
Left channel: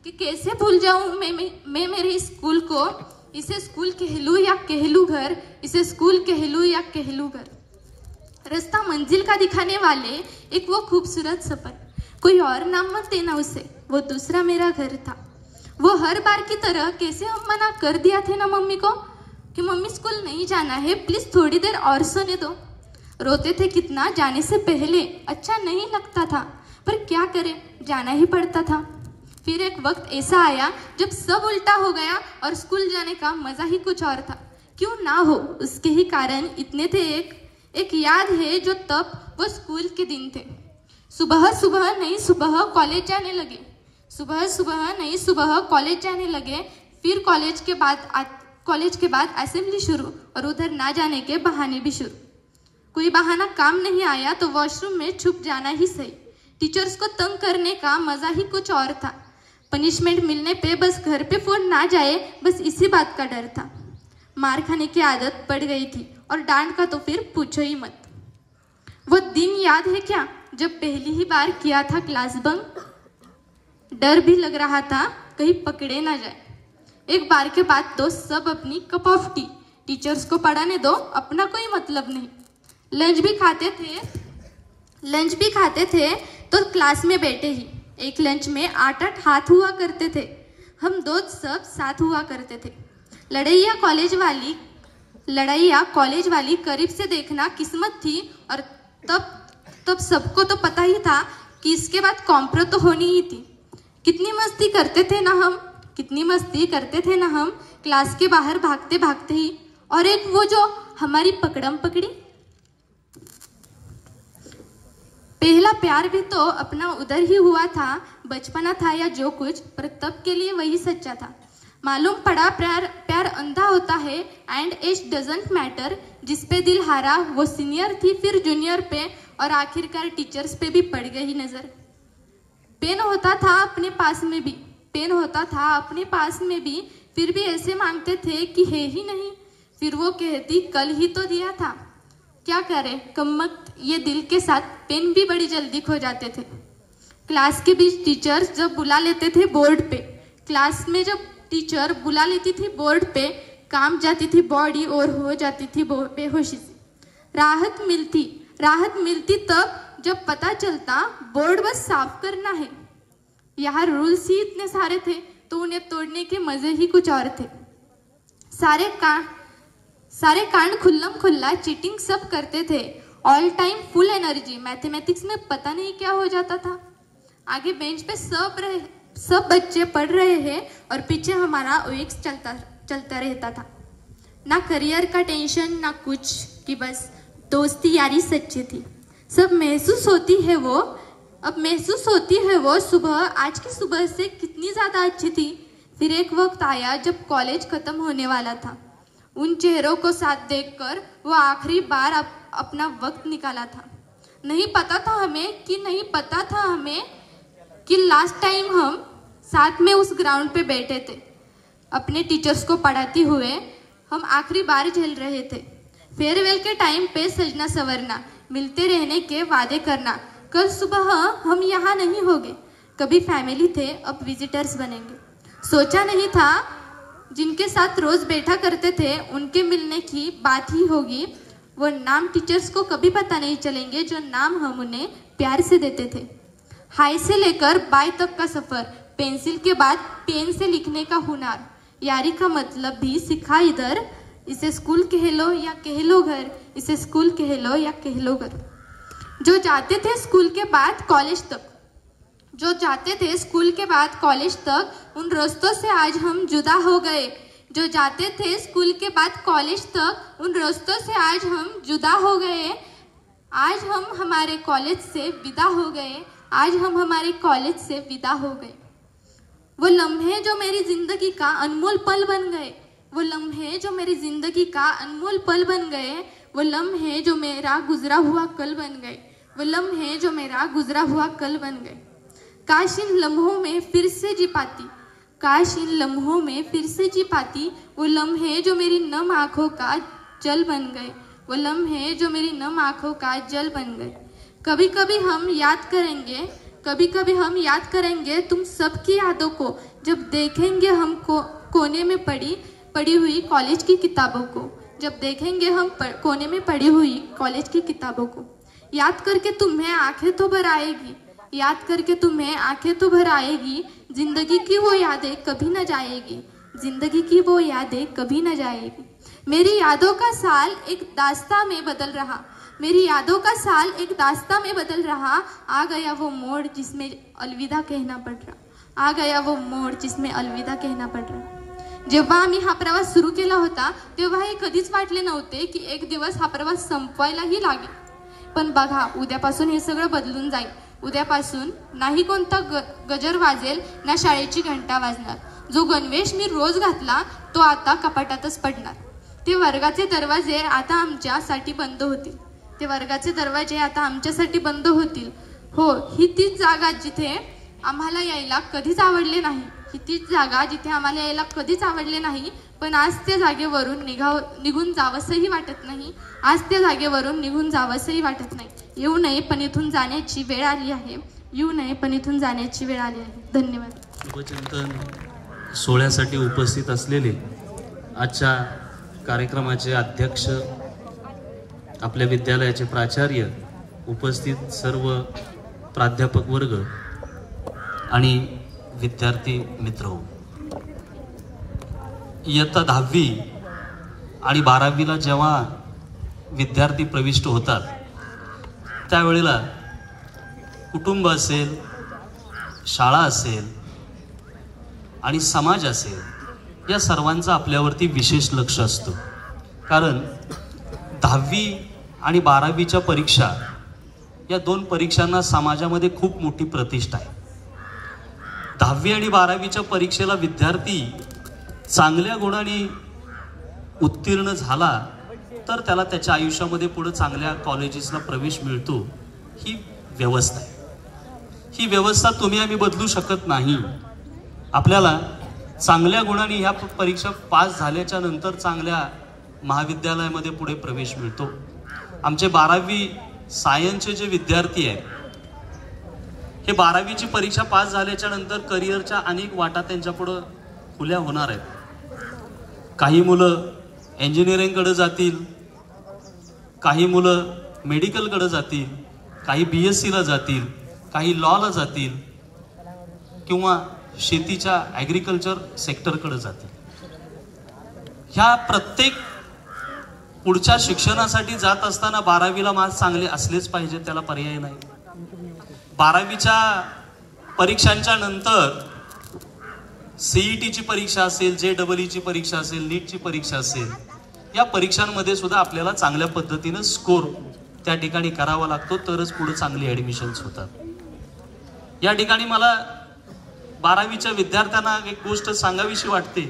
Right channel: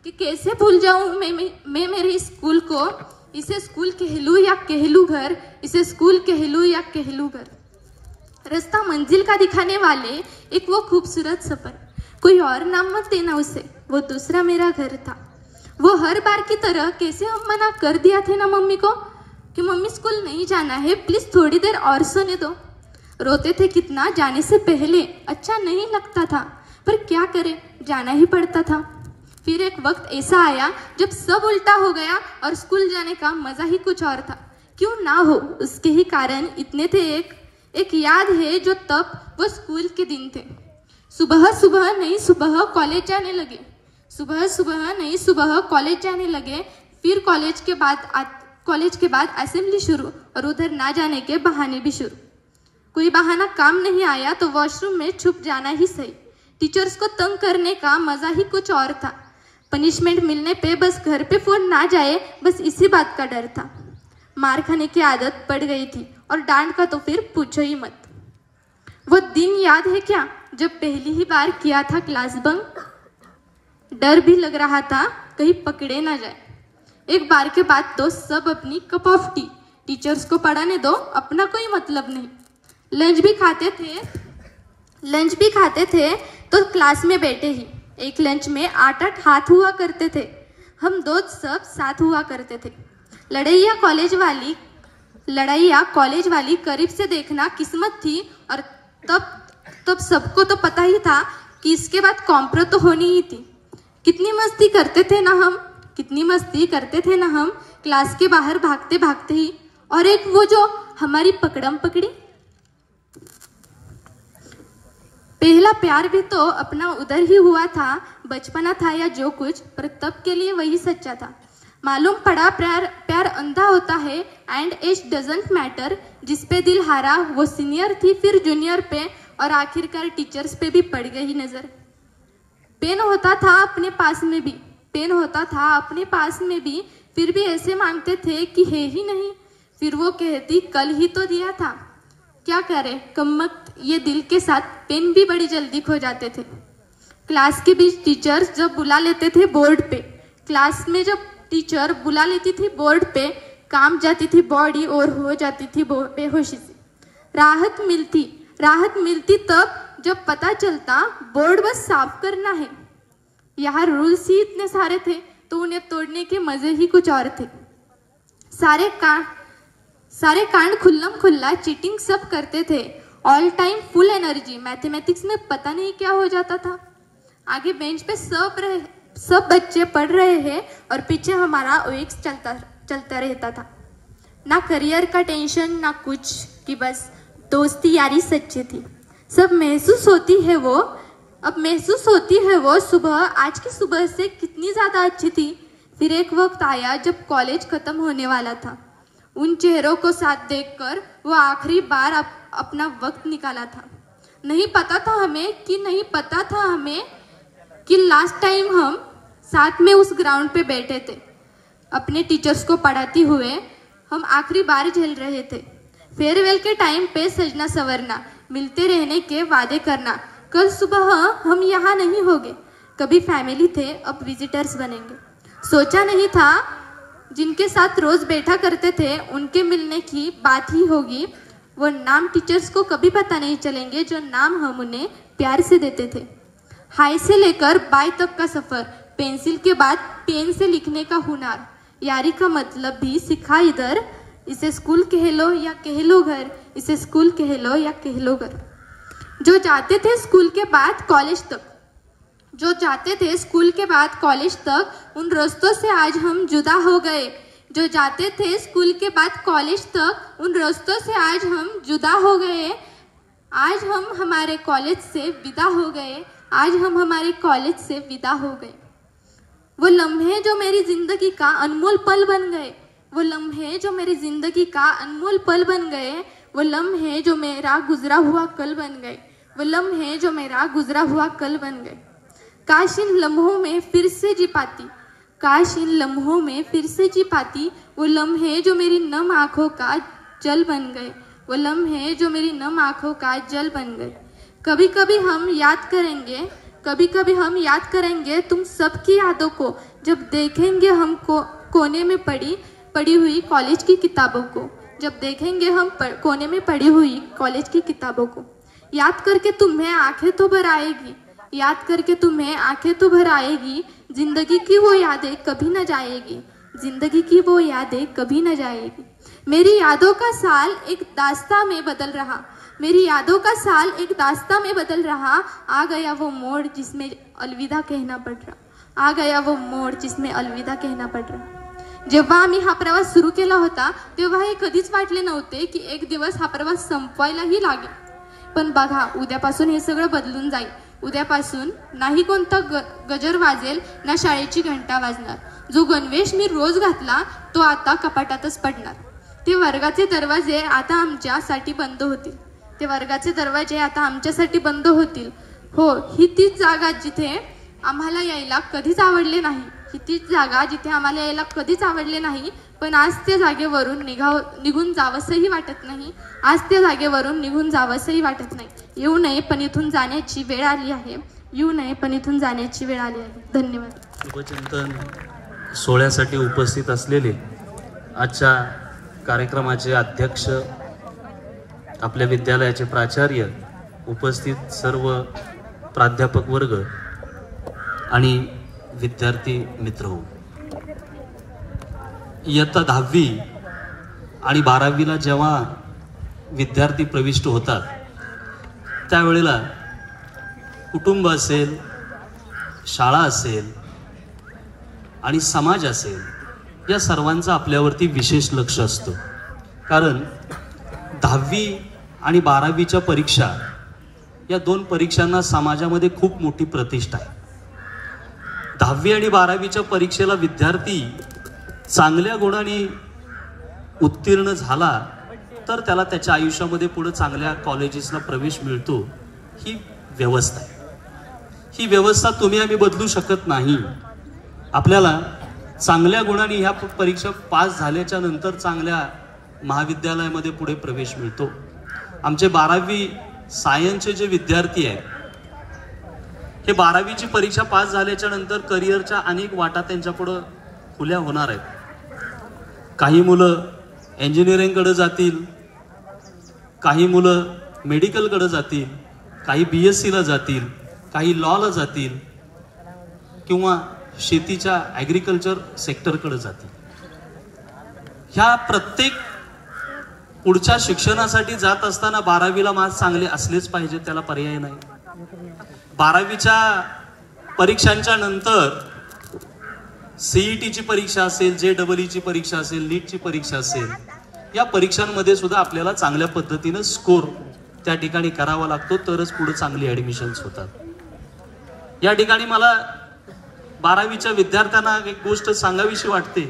कि कैसे भूल जाऊं मैं मेरे स्कूल को. इसे स्कूल कह लूं या कह लूं घर, इसे स्कूल कह लूं या कह लूं घर. रास्ता मंजिल का दिखाने वाले एक वो खूबसूरत सफर, कोई और नाम मत देना उसे, वो दूसरा मेरा घर था. वो हर बार की तरह कैसे मना कर दिया थे ना मम्मी को कि मम्मी स्कूल नहीं जाना है, प्लीज थोड़ी देर और सोने दो. रोते थे कितना जाने से पहले, अच्छा नहीं लगता था, पर क्या करें, जाना ही पड़ता था. फिर एक वक्त ऐसा आया जब सब उल्टा हो गया और स्कूल जाने का मजा ही कुछ और था. क्यों ना हो, उसके ही कारण इतने थे. एक याद है जो तब वो स्कूल के दिन थे. सुबह सुबह नई सुबह कॉलेज जाने लगे, सुबह सुबह नई सुबह कॉलेज जाने लगे. फिर कॉलेज के बाद असेंबली शुरू और उधर ना जाने के बहाने भी शुरू. कोई बहाना काम नहीं आया तो वॉशरूम में छुप जाना ही सही. टीचर्स को तंग करने का मजा ही कुछ और था. पनिशमेंट मिलने पे बस घर पे फोन ना जाए, बस इसी बात का डर था. मार खाने की आदत पड़ गई थी और डांट का तो फिर पूछो ही मत. वो दिन याद है क्या जब पहली ही बार किया था क्लास बंक. डर भी लग रहा था कहीं पकड़े ना जाए. एक बार के बाद तो सब अपनी कप ऑफ टी, टीचर्स को पढ़ाने दो, अपना कोई मतलब नहीं. लंच भी खाते थे तो क्लास में बैठे ही. एक लंच में 8-8 हाथ हुआ करते थे. हम दोस्त सब साथ हुआ करते थे. लड़ाइया कॉलेज वाली करीब से देखना किस्मत थी. और तब सबको तो पता ही था कि इसके बाद कॉम्प्रो तो होनी ही थी. कितनी मस्ती करते थे ना हम क्लास के बाहर भागते भागते ही. और एक वो जो हमारी पकड़म पकड़ी. पहला प्यार भी तो अपना उधर ही हुआ था. बचपना था या जो कुछ, पर तब के लिए वही सच्चा था. मालूम पड़ा प्यार अंधा होता है एंड एज डजंट मैटर. जिस पे दिल हारा वो सीनियर थी, फिर जूनियर पे, और आखिरकार टीचर्स पे भी पड़ गई नजर. पेन होता था अपने पास में भी, फिर भी ऐसे मांगते थे कि है ही नहीं. फिर वो कहती कल ही तो दिया था. क्या करे कमबख्त ये दिल के साथ पेन भी बड़ी जल्दी खो जाते थे. क्लास के बीच टीचर्स जब बुला लेते थे बोर्ड पे, क्लास में जब टीचर बुला लेती थी बोर्ड पे, काम जाती थी बॉडी और हो जाती थी बेहोशी से. राहत मिलती तब जब पता चलता बोर्ड बस साफ करना है. यहाँ रूल्स ही इतने सारे थे, तो उन्हें तोड़ने के मजे ही कुछ और थे। सारे कांड खुल्लम खुल्ला चीटिंग सब करते थे। ऑल टाइम फुल एनर्जी। मैथमेटिक्स में पता नहीं क्या हो जाता था। आगे बेंच पे सब बच्चे पढ़ रहे हैं और पीछे हमारा ओएक्स चलता रहता था। ना करियर का टेंशन ना कुछ, कि बस दोस्ती यारी सच्ची थी। अब महसूस होती है वो सुबह आज की सुबह से कितनी ज्यादा अच्छी थी। फिर एक वक्त आया जब कॉलेज खत्म होने वाला था। उन चेहरों को साथ देखकर वो आखिरी बार अपना वक्त निकाला था। नहीं पता था हमें कि लास्ट टाइम हम साथ में उस ग्राउंड पे बैठे थे। अपने टीचर्स को पढ़ाते हुए हम आखिरी बार झेल रहे थे। फेयरवेल के टाइम पे सजना संवरना, मिलते रहने के वादे करना। कल सुबह हम यहाँ नहीं होंगे। कभी फैमिली थे, अब विजिटर्स बनेंगे। सोचा नहीं था जिनके साथ रोज बैठा करते थे उनके मिलने की बात ही होगी। वो नाम टीचर्स को कभी पता नहीं चलेंगे जो नाम हम उन्हें प्यार से देते थे। हाई से लेकर बाय तक का सफर, पेंसिल के बाद पेन से लिखने का हुनर, यारी का मतलब भी सीखा इधर। इसे स्कूल कह लो या कह लो घर, इसे स्कूल कह लो या कह लो घर। जो जाते थे स्कूल के बाद कॉलेज तक, उन रास्तों से आज हम जुदा हो गए। जो जाते थे स्कूल के बाद कॉलेज तक, उन रास्तों से आज हम जुदा हो गए। आज हम हमारे कॉलेज से विदा हो गए। वो लम्हे जो मेरी जिंदगी का अनमोल पल बन गए। वो लम्हे जो मेरा गुजरा हुआ कल बन गए। काश इन लम्हों में फिर से जी पाती। वो लम्हे जो मेरी नम आंखों का जल बन गए। कभी कभी हम याद करेंगे तुम सबकी यादों को, जब देखेंगे हमको कोने में पड़ी हुई कॉलेज की किताबों को। याद करके तुम्हें आंखें तो भर आएगी। जिंदगी की वो यादें कभी न जाएगी। मेरी यादों का साल एक दास्तां में बदल रहा। आ गया वो मोड़ जिसमें अलविदा कहना पड़ रहा। जेव्हा आम्ही हा प्रवास सुरू केला होता तेव्हा हे कधीच वाटले नव्हते की एक दिवस हा प्रवास संपवायलाही लागेल। पण बघा, उद्यापासून हे सगळं बदलून जाईल। उद्यापासून नाही कोणता गजर वाजेल, ना शाळेची घंटा वाजणार। जो गणवेश मी रोज घातला तो आता कपाटातच पडणार। ते वर्गाचे दरवाजे आता आमच्यासाठी बंद होतील। हो, ही तीच जागा जिथे आम्हाला यायला कधीच आवडले नाही। पण आज त्या जागेवरून निघून जावंसही वाटत नाही। येऊ नये पण इथून जाण्याची वेळ आली आहे। धन्यवाद। शुभचिंतन सोहळ्यासाठी उपस्थित असलेले आजच्या कार्यक्रमाचे अध्यक्ष, आपल्या विद्यालयाचे प्राचार्य, उपस्थित सर्व प्राध्यापक वर्ग आणि विद्यार्थी मित्र, इयत्ता 10वी आणि 12वीला जेव्हा विद्यार्थी प्रविष्ट होतात त्यावेळेला कुटुंब असेल, शाळा असेल आणि समाज असेल, या सर्वांचा आपल्यावरती विशेष लक्ष असतं। कारण 10वी आणि 12वीच्या परीक्षा, या दोन परीक्षांना समाजामध्ये खूप मोठी प्रतिष्ठा आहे। 10वी आणि 12वीच्या परीक्षेला विद्यार्थी चांगल्या गुणांनी उत्तीर्ण झाला तर त्याला त्याच्या आयुष्यामध्ये पुढे चांगल्या कॉलेजेसला प्रवेश मिळतो। ही व्यवस्था आहे। ही व्यवस्था तुम्ही आम्ही बदलू शकत नाही। आपल्याला चांगल्या गुणांनी ह्या परीक्षा पास झाल्याच्या नंतर चांगल्या महाविद्यालयामध्ये पुढे प्रवेश मिळतो। आमचे 12वी सायन्सचे जे विद्यार्थी आहेत, हे 12वीची परीक्षा पास झाल्याच्या नंतर करिअरच्या अनेक वाटा त्यांच्या पुढे खुल्या होणार आहेत। काही मुलं इंजिनिअरिंगकडे जातील, काही मुलं मेडिकलकडे जातील, काही BSc ला जातील, काही लॉला जातील किंवा शेतीच्या ॲग्रिकल्चर सेक्टरकडे जातील. ह्या प्रत्येक पुढच्या शिक्षणासाठी जात असताना 12वीला मार्क्स चांगले असलेच पाहिजे, त्याला पर्याय नाही. 12वीच्या परीक्षांच्या नंतर सीईटीची परीक्षा असेल, JEE ची परीक्षा असेल, नीटची परीक्षा असेल, या परीक्षांमध्ये सुद्धा आपल्याला चांगल्या पद्धतीनं स्कोर त्या ठिकाणी करावा लागतो, तरच पुढे चांगली ऍडमिशन्स होतात. या ठिकाणी मला 12वीच्या विद्यार्थ्यांना एक गोष्ट सांगावीशी वाटते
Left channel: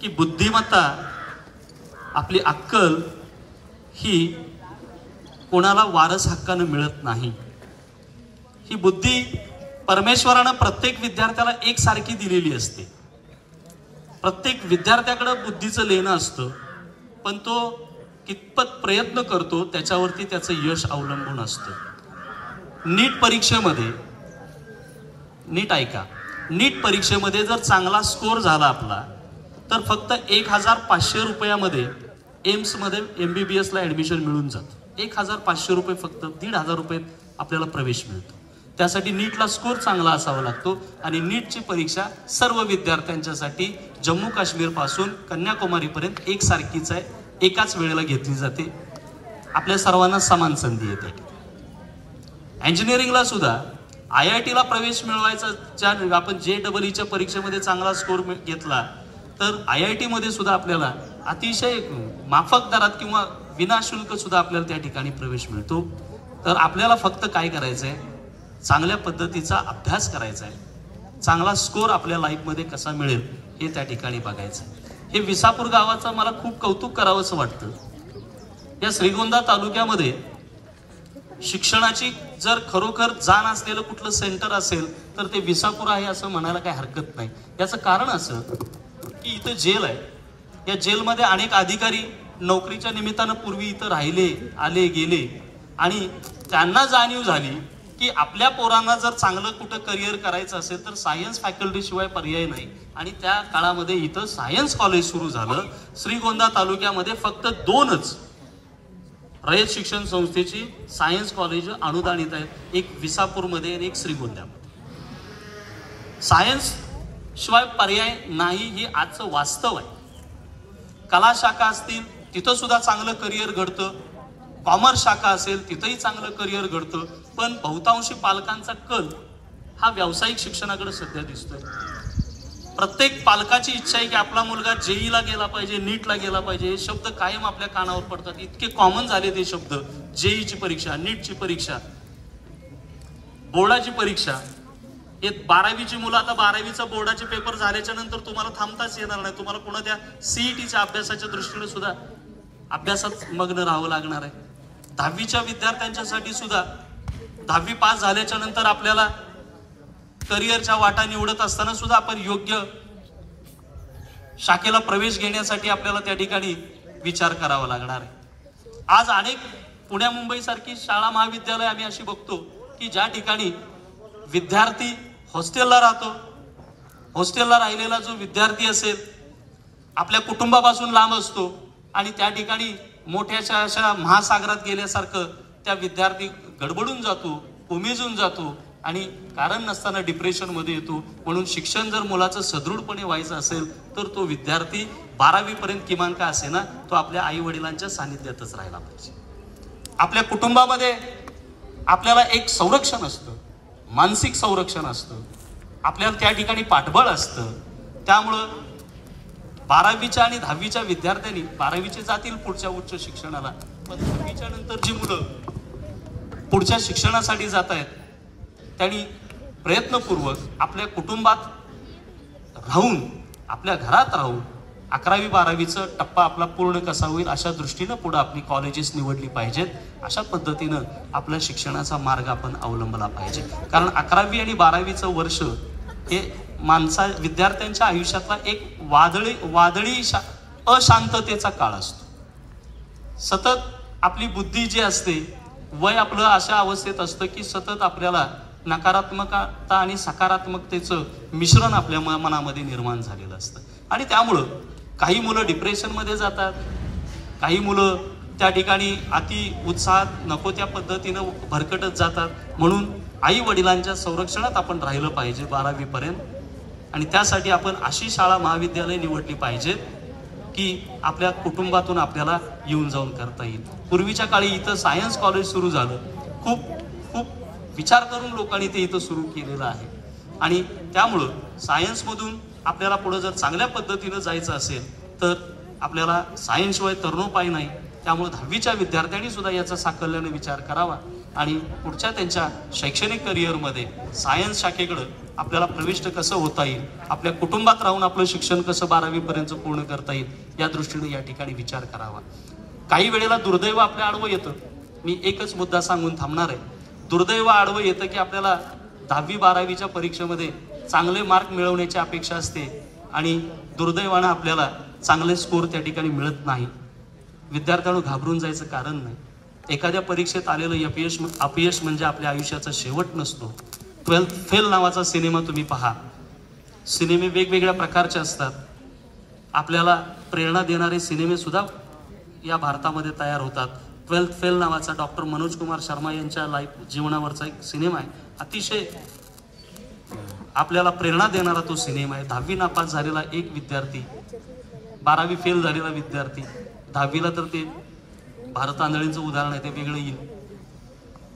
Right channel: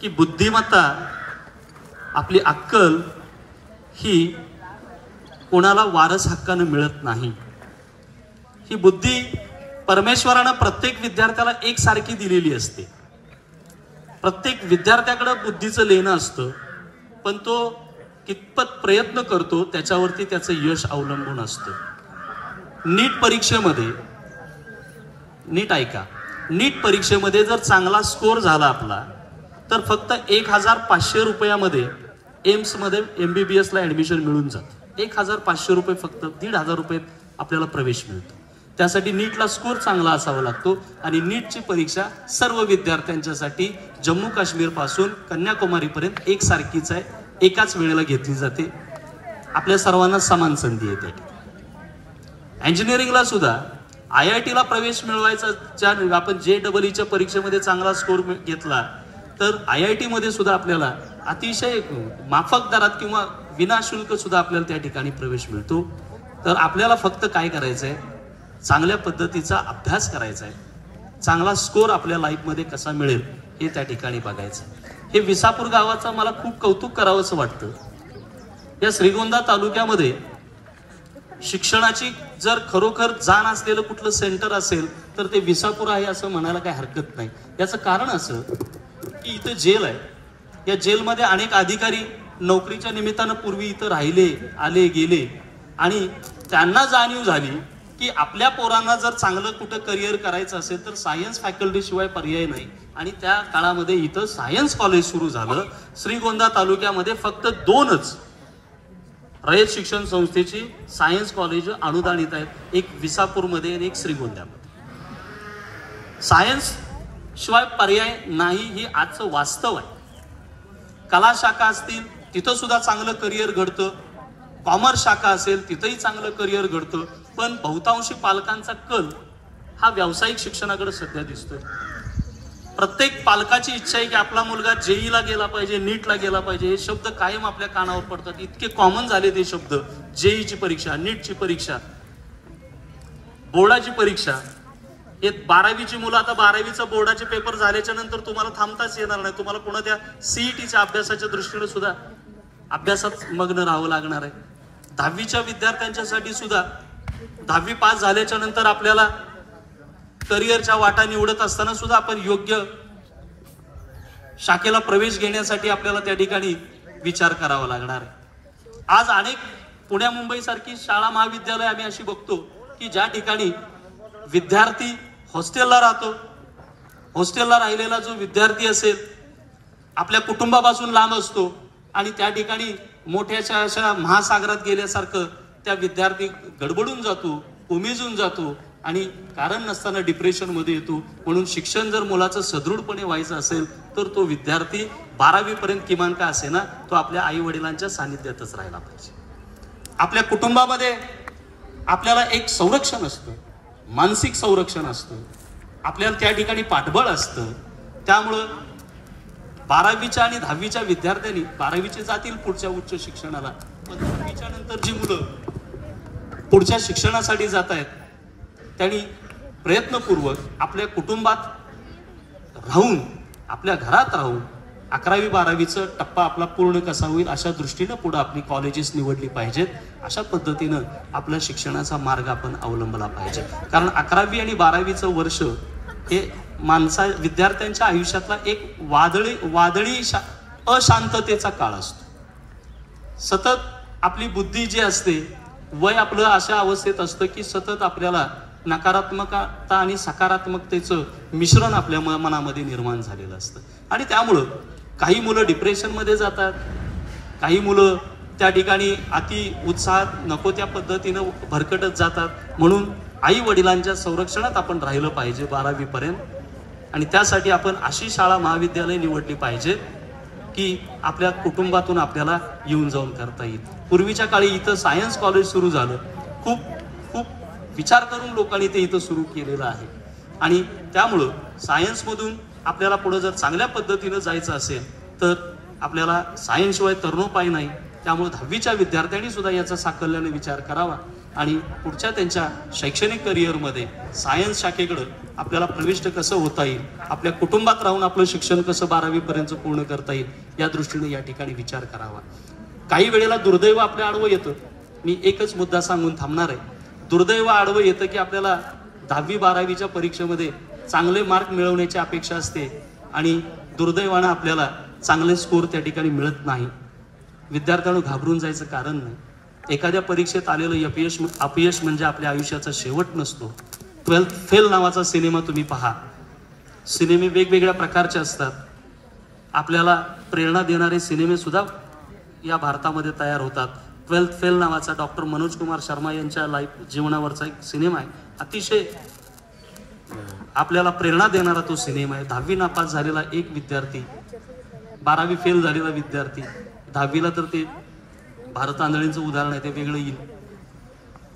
की बुद्धिमत्ता, आपली अक्कल ही कोणाला वारस हक्कानं मिळत नाही. ही बुद्धी परमेश्वरानं प्रत्येक विद्यार्थ्याला एकसारखी दिलेली असते. प्रत्येक विद्यार्थ्याकडे बुद्धीचं लेणं असतं, पण तो कितपत प्रयत्न करतो त्याच्यावरती त्याचं यश अवलंबून असतं. नीट परीक्षेमध्ये, नीट ऐका, नीट परीक्षेमध्ये जर चांगला स्कोर झाला आपला तर फक्त 1500 रुपयामध्ये एम्स मध्ये MBBS ला ऍडमिशन मिळून जातं. 1500 रुपये, फक्त 1500 रुपये आपल्याला प्रवेश मिळतो. त्यासाठी नीटला स्कोर चांगला असावा लागतो. आणि नीटची परीक्षा सर्व विद्यार्थ्यांच्यासाठी जम्मू काश्मीर पासून कन्याकुमारी पर्यंत एकसारखीच आहे, एकाच वेळेला घेतली जाते. आपल्या सर्वांना समान संधी येते. इंजिनिअरिंगला सुद्धा IIT ला प्रवेश मिळवायचा, आपण JEE च्या परीक्षेमध्ये चांगला स्कोर घेतला तर IIT मध्ये सुद्धा आपल्याला अतिशय माफक दरात किंवा विनाशुल्क सुद्धा आपल्याला त्या ठिकाणी प्रवेश मिळतो. तर आपल्याला फक्त काय करायचंय, चांगल्या पद्धतीचा अभ्यास करायचा आहे. चांगला स्कोर आपल्या लाईफमध्ये कसा मिळेल हे त्या ठिकाणी बघायचं. हे विसापूर गावाचं मला खूप कौतुक करावंसं वाटतं. या श्रीगोंदा तालुक्यामध्ये शिक्षणाची जर खरोखर जाण असलेलं कुठलं सेंटर असेल तर ते विसापूर आहे असं म्हणायला काही हरकत नाही. याचं कारण असं की इथं जेल आहे. या जेलमध्ये अनेक अधिकारी नोकरीच्या निमित्तानं पूर्वी इथं राहिले, आले गेले, आणि त्यांना जाणीव झाली की आपल्या पोरांना जर चांगलं कुठं करिअर करायचं असेल तर सायन्स फॅकल्टी शिवाय पर्याय नाही. आणि त्या काळामध्ये इथं सायन्स कॉलेज सुरू झालं. श्रीगोंदा तालुक्यामध्ये फक्त 2च रयत शिक्षण संस्थेची सायन्स कॉलेज अनुदानित आहेत, एक विसापूरमध्ये आणि एक श्रीगोंद्यामध्ये. सायन्स शिवाय पर्याय नाही, ही आजचं वास्तव आहे. कला शाखा असतील तिथं सुद्धा चांगलं करिअर घडतं, कॉमर्स शाखा असेल तिथंही चांगलं करिअर घडतं. पण बहुतांशी पालकांचा कल हा व्यावसायिक शिक्षणाकडे सध्या दिसतोय. प्रत्येक पालकाची इच्छा आहे की आपला मुलगा JEE ला गेला पाहिजे, नीटला गेला पाहिजे. हे शब्द कायम आपल्या कानावर पडतात, इतके कॉमन झाले ते शब्द. JEE ची परीक्षा, नीटची परीक्षा, बोर्डाची परीक्षा. हे 12वीची मुलं, आता 12वीचा बोर्डाचे पेपर झाल्याच्या नंतर तुम्हाला थांबताच येणार नाही. तुम्हाला पुन्हा त्या CETच्या अभ्यासाच्या दृष्टीने सुद्धा अभ्यासात मग्न राहावं लागणार आहे. 10वीच्या विद्यार्थ्यांच्यासाठी सुद्धा 10वी पास झाल्याच्या नंतर आपल्याला करिअरच्या वाटा निवडत असताना सुद्धा आपण योग्य शाखेला प्रवेश घेण्यासाठी आपल्याला त्या ठिकाणी विचार करावा लागणार आहे. आज अनेक पुण्या मुंबई सारखी शाळा महाविद्यालय आम्ही अशी बघतो की ज्या ठिकाणी विद्यार्थी हॉस्टेलला राहतो. हॉस्टेलला राहिलेला जो विद्यार्थी असेल आपल्या कुटुंबापासून लांब असतो आणि त्या ठिकाणी मोठ्याच्या अशा महासागरात गेल्यासारखं त्या विद्यार्थी गडबडून जातो, कोमेजून जातो आणि कारण नसताना डिप्रेशन मध्ये येतो. म्हणून शिक्षण जर मुलाचं सदृढपणे व्हायचं असेल तर तो विद्यार्थी 12वी पर्यंत किमान का असे ना तो आपल्या आई वडिलांच्या सानिध्यातच राहायला पाहिजे. आपल्या कुटुंबामध्ये आपल्याला एक संरक्षण असतं, मानसिक संरक्षण असतं, आपल्याला त्या ठिकाणी पाठबळ असतं. त्यामुळं 12वीच्या आणि 10वीच्या विद्यार्थ्यांनी, 12वीचे जातील पुढच्या उच्च शिक्षणाला, पण 10वीच्या नंतर जी मुलं पुढच्या शिक्षणासाठी जात आहेत त्यांनी प्रयत्नपूर्वक आपल्या कुटुंबात राहून, आपल्या घरात राहून 11वी 12वीचा टप्पा आपला पूर्ण कसा होईल अशा दृष्टीनं पुढे आपली कॉलेजेस निवडली पाहिजेत. अशा पद्धतीनं आपल्या शिक्षणाचा मार्ग आपण अवलंबला पाहिजे. कारण 11वी आणि 12वीचं वर्ष हे विद्यार्थ्यांच्या आयुष्यातला एक वादळी अशांततेचा काळ असतो. सतत आपली बुद्धी जी असते, वय आपलं अशा अवस्थेत असतं की सतत आपल्याला नकारात्मकता आणि सकारात्मकतेचं मिश्रण आपल्या मनामध्ये निर्माण झालेलं असतं. आणि त्यामुळं काही मुलं डिप्रेशन मध्ये जातात, काही मुलं त्या ठिकाणी अति उत्साहात नको त्या पद्धतीनं भरकटत जातात. म्हणून आई वडिलांच्या संरक्षणात आपण राहिलं पाहिजे 12वी पर्यंत. आणि त्यासाठी आपण अशी शाळा महाविद्यालय निवडली पाहिजे की आपल्या कुटुंबातून आपल्याला येऊन जाऊन करता येईल. पूर्वीच्या काळी इथं सायन्स कॉलेज सुरू झालं, खूप विचार करून लोकांनी ते इथं सुरू केलेलं आहे. आणि त्यामुळं सायन्समधून आपल्याला पुढे जर चांगल्या पद्धतीनं जायचं असेल तर आपल्याला सायन्सशिवाय तरणोपाय नाही. त्यामुळे 10वीच्या विद्यार्थ्यांनी सुद्धा याचा साकल्याने विचार करावा आणि पुढच्या त्यांच्या शैक्षणिक करिअरमध्ये सायन्स शाखेकडे आपल्याला प्रविष्ट कसं होता येईल, आपल्या कुटुंबात राहून आपलं शिक्षण कसं 12वी पर्यंत पूर्ण करता येईल या दृष्टीने या ठिकाणी विचार करावा. काही वेळेला दुर्दैव आपल्या आडवं येतं. मी एकच मुद्दा सांगून थांबणार आहे. दुर्दैव आडवं येतं की आपल्याला 10वी 12वीच्या परीक्षेमध्ये चांगले मार्क मिळवण्याची अपेक्षा असते आणि दुर्दैवानं आपल्याला चांगले स्कोर त्या ठिकाणी मिळत नाही. विद्यार्थ्यांना घाबरून जायचं कारण नाही. एखाद्या परीक्षेत आलेलं अपयश म्हणजे आपल्या आयुष्याचा शेवट नसतो. 12th फेल नावाचा सिनेमा तुम्ही पहा. सिनेमे वेगवेगळ्या प्रकारचे असतात. आपल्याला प्रेरणा देणारे सिनेमे सुद्धा या भारतामध्ये तयार होतात. 12th फेल नावाचा डॉक्टर मनोज कुमार शर्मा यांच्या जीवनावरचा एक सिनेमा आहे. अतिशय आपल्याला प्रेरणा देणारा तो सिनेमा आहे. 10वी नापास झालेला एक विद्यार्थी, 12वी फेल झालेला विद्यार्थी, 10वीला तर ते भारत आंधळींचं उदाहरण आहे, ते वेगळं येईल.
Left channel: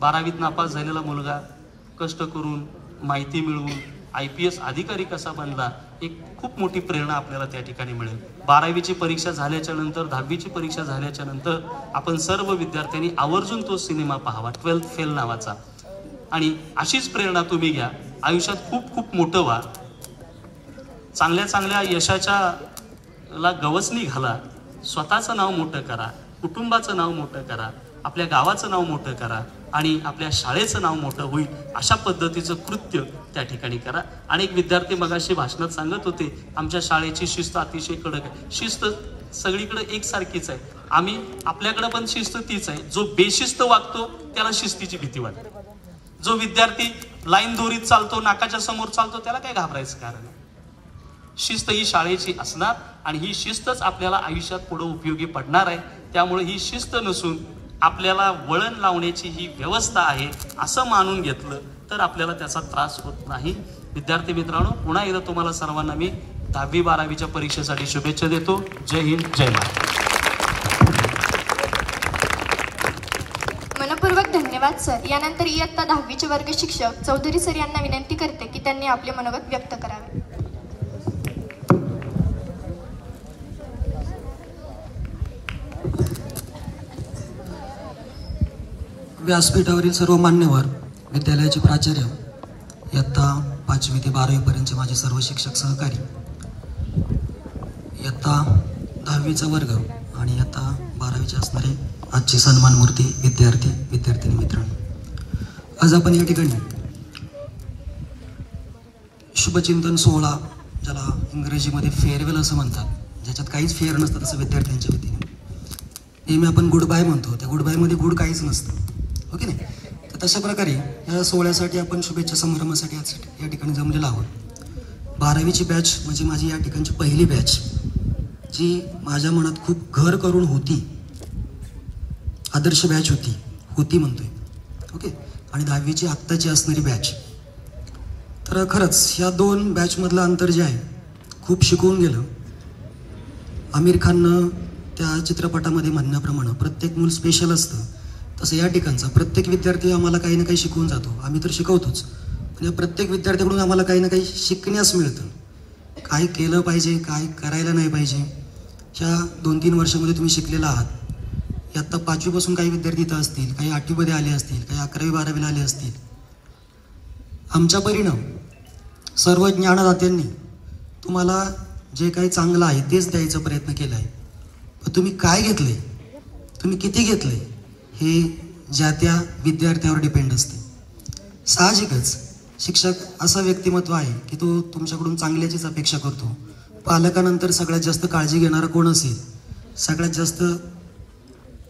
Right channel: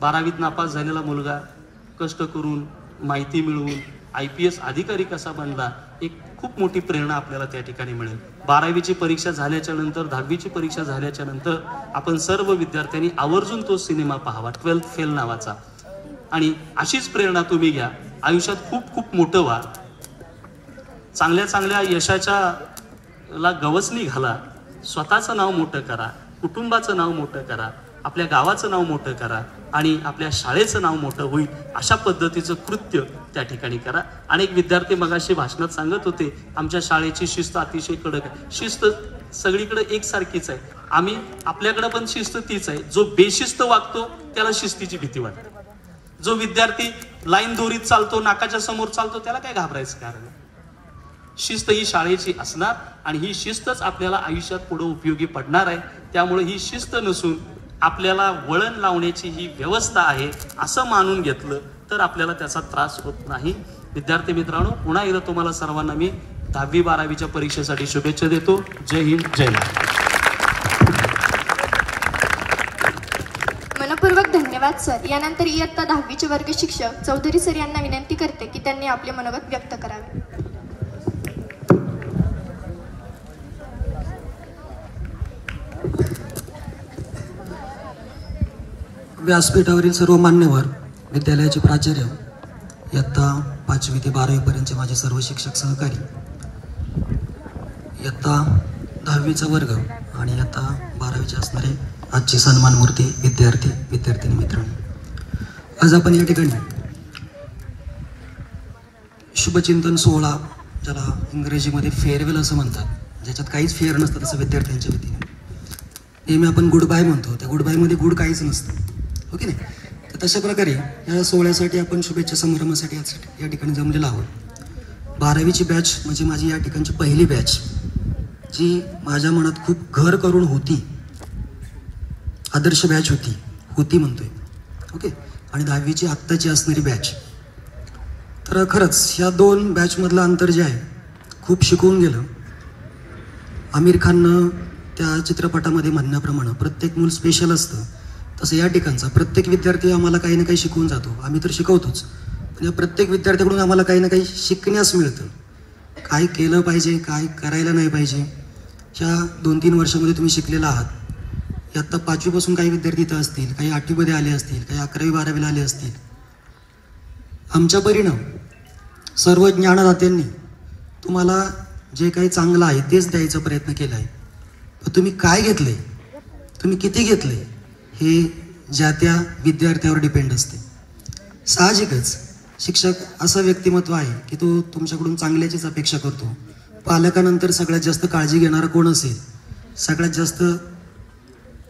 12वीत नापास झालेला मुलगा कष्ट करून माहिती मिळवून IPS अधिकारी कसा बनला, एक खूप मोठी प्रेरणा आपल्याला त्या ठिकाणी मिळेल. 12वीची परीक्षा झाल्याच्या नंतर, 10वीची परीक्षा झाल्याच्या नंतर आपण सर्व विद्यार्थ्यांनी आवर्जून तो सिनेमा पाहावा, 12th फेल नावाचा. आणि अशीच प्रेरणा तुम्ही घ्या. आयुष्यात खूप मोठं व्हा. चांगल्या यशाच्या गवसणी घाला. स्वतःचं नाव मोठं करा, कुटुंबाचं नाव मोठं करा, आपल्या गावाचं नाव मोठं करा आणि आपल्या शाळेचं नाव मोठं होईल अशा पद्धतीचं कृत्य त्या ठिकाणी करा. अनेक विद्यार्थी मगाशी भाषणात सांगत होते आमच्या शाळेची शिस्त अतिशय कडक आहे. शिस्त सगळीकडे एकसारखीच आहे. आम्ही आपल्याकडे पण शिस्त तीच आहे. जो बेशिस्त वागतो त्याला शिस्तीची भीती वाटते. जो विद्यार्थी लाईन दोरीत चालतो, नाकाच्या समोर चालतो, त्याला काय घाबरायचं कारण. शिस्त ही शाळेची असणार आणि ही शिस्तच आपल्याला आयुष्यात पुढे उपयोगी पडणार आहे. त्यामुळे ही शिस्त नसून आपल्याला वळण लावण्याची ही व्यवस्था आहे असं मानून घेतलं तर आपल्याला त्याचा त्रास होत नाही. विद्यार्थी मित्रांनो, पुन्हा एकदा तुम्हाला सर्वांना मी 10वी 12वीच्या परीक्षेसाठी शुभेच्छा देतो. जय हिंद, जय महाराष्ट्र. मनपूर्वक धन्यवाद सर. यानंतर इयत्ता 10वीचे वर्ग शिक्षक चौधरी सर यांना विनंती करते की त्यांनी आपले मनोगत व्यक्त करावे. व्यासपीठावरील सर्व मान्यवर, विद्यालयाचे प्राचार्य, इयत्ता 5वी ते 12वी पर्यंतचे माझे सर्व शिक्षक सहकारी, इयत्ता 10वीचा वर्ग आणि इयत्ता 12वीचे असणारे आजचे सन्मान मूर्ती विद्यार्थी मित्रांनो, आज आपण या ठिकाणी शुभचिंतन सोहळा, ज्याला इंग्रजीमध्ये फेअरवेल असं म्हणतात, ज्याच्यात काहीच फेअर नसतं तसं विद्यार्थ्यांच्या वतीने नेहमी आपण गुड बाय म्हणतो. त्या गुड बायमध्ये गुड काहीच नसतं, ओके नाही. तर तशा प्रकारे या सोहळ्यासाठी आपण शुभेच्छा समारंभासाठी या ठिकाणी जमलेलो आहोत. 12वीची बॅच म्हणजे माझी या ठिकाणची पहिली बॅच, जी माझ्या मनात खूप घर करून होती, आदर्श बॅच होती म्हणतोय, ओके. आणि 10वीची आत्ताची असणारी बॅच. तर खरंच या दोन बॅचमधलं अंतर जे आहे खूप शिकवून गेलं. आमिर खाननं त्या चित्रपटामध्ये म्हणण्याप्रमाणे प्रत्येक मूल स्पेशल असतं, तसं या ठिकाणचा प्रत्येक विद्यार्थी आम्हाला काही ना काही शिकवून जातो. आम्ही तर शिकवतोच, पण या प्रत्येक विद्यार्थ्याकडून आम्हाला काही ना काही शिकण्यास मिळतं. काय केलं पाहिजे, काय करायला नाही पाहिजे, ह्या 2-3 वर्षामध्ये तुम्ही शिकलेला आहात. आता 5वीपासून काही विद्यार्थी इथं असतील, काही 8वीमध्ये आले असतील, काही 11वी 12वीला आले असतील. आमच्या परीनं सर्व ज्ञानदात्यांनी तुम्हाला जे काही चांगलं आहे तेच द्यायचा प्रयत्न केला आहे. पण तुम्ही काय घेतले, तुम्ही किती घेतले, हे ज्या त्या विद्यार्थ्यावर डिपेंड असते. साहजिकच शिक्षक असं व्यक्तिमत्व आहे की तो तुमच्याकडून चांगल्याचीच अपेक्षा करतो. पालकानंतर सगळ्यात जास्त काळजी घेणारा कोण असेल, सगळ्यात जास्त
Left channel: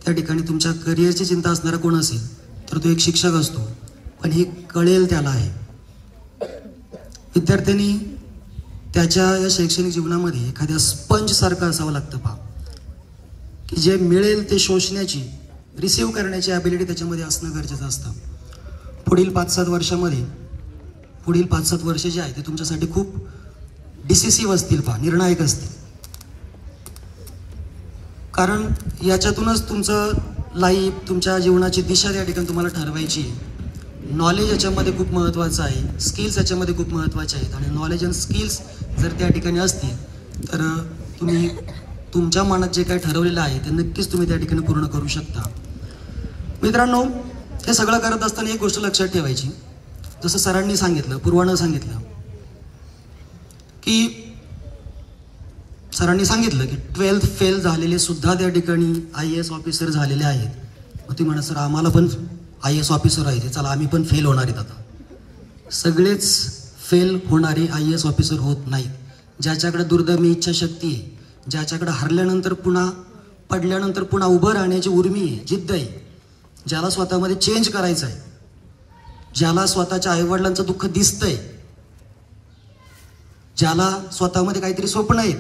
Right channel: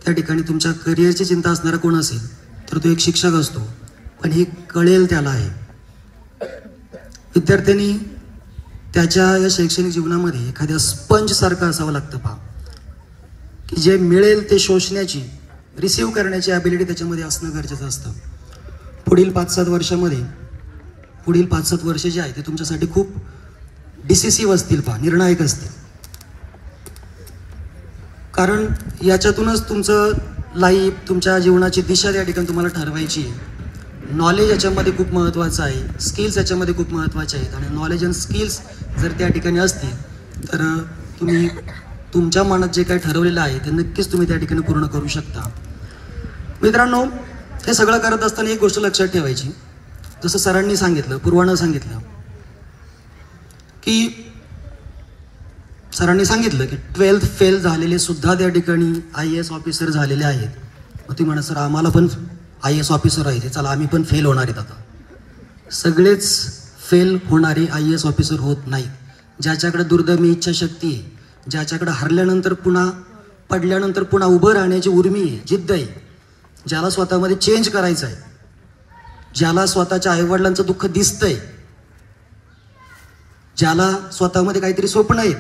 त्या ठिकाणी तुमच्या करिअरची चिंता असणारा कोण असेल तर तो एक शिक्षक असतो. पण हे कळेल त्याला आहे. विद्यार्थ्यांनी त्याच्या या शैक्षणिक जीवनामध्ये एखाद्या स्पंज सारखं असावं लागतं पहा, की जे मिळेल ते शोषण्याची, रिसीव्ह करण्याची ॲबिलिटी त्याच्यामध्ये असणं गरजेचं असतं. पुढील 5-7 वर्षामध्ये पुढील 5-7 वर्ष जे आहे ते तुमच्यासाठी खूप डिसिसिव्ह असतील, निर्णायक असतील. कारण याच्यातूनच तुमचं लाईफ, तुमच्या जीवनाची दिशा त्या ठिकाणी तुम्हाला ठरवायची आहे. नॉलेज याच्यामध्ये खूप महत्त्वाचं आहे, स्किल्स याच्यामध्ये खूप महत्त्वाचे आहेत. आणि नॉलेज अँड स्किल्स जर त्या ठिकाणी असतील तर तुम्ही तुमच्या मनात जे काही ठरवलेलं आहे ते नक्कीच तुम्ही त्या ठिकाणी पूर्ण करू शकता. मित्रांनो, हे सगळं करत असताना एक गोष्ट लक्षात ठेवायची, जसं सरांनी सांगितलं, पूर्वानं सांगितलं की 12th फेल झालेले सुद्धा त्या ठिकाणी IAS ऑफिसर झालेले आहेत. मग तुम्ही म्हणा, सर आम्हाला पण IAS ऑफिसर आहे, चला आम्ही पण फेल होणार आहेत. आता सगळेच फेल होणारे IAS ऑफिसर होत नाहीत. ज्याच्याकडे दुर्दम्य इच्छाशक्ती आहे, ज्याच्याकडे हरल्यानंतर पुन्हा पडल्यानंतर पुन्हा उभं राहण्याची उर्मी आहे, जिद्द आहे, ज्याला स्वतःमध्ये चेंज करायचं आहे, ज्याला स्वतःच्या आईवडिलांचं दुःख दिसतंय, ज्याला स्वतःमध्ये काहीतरी स्वप्न आहे,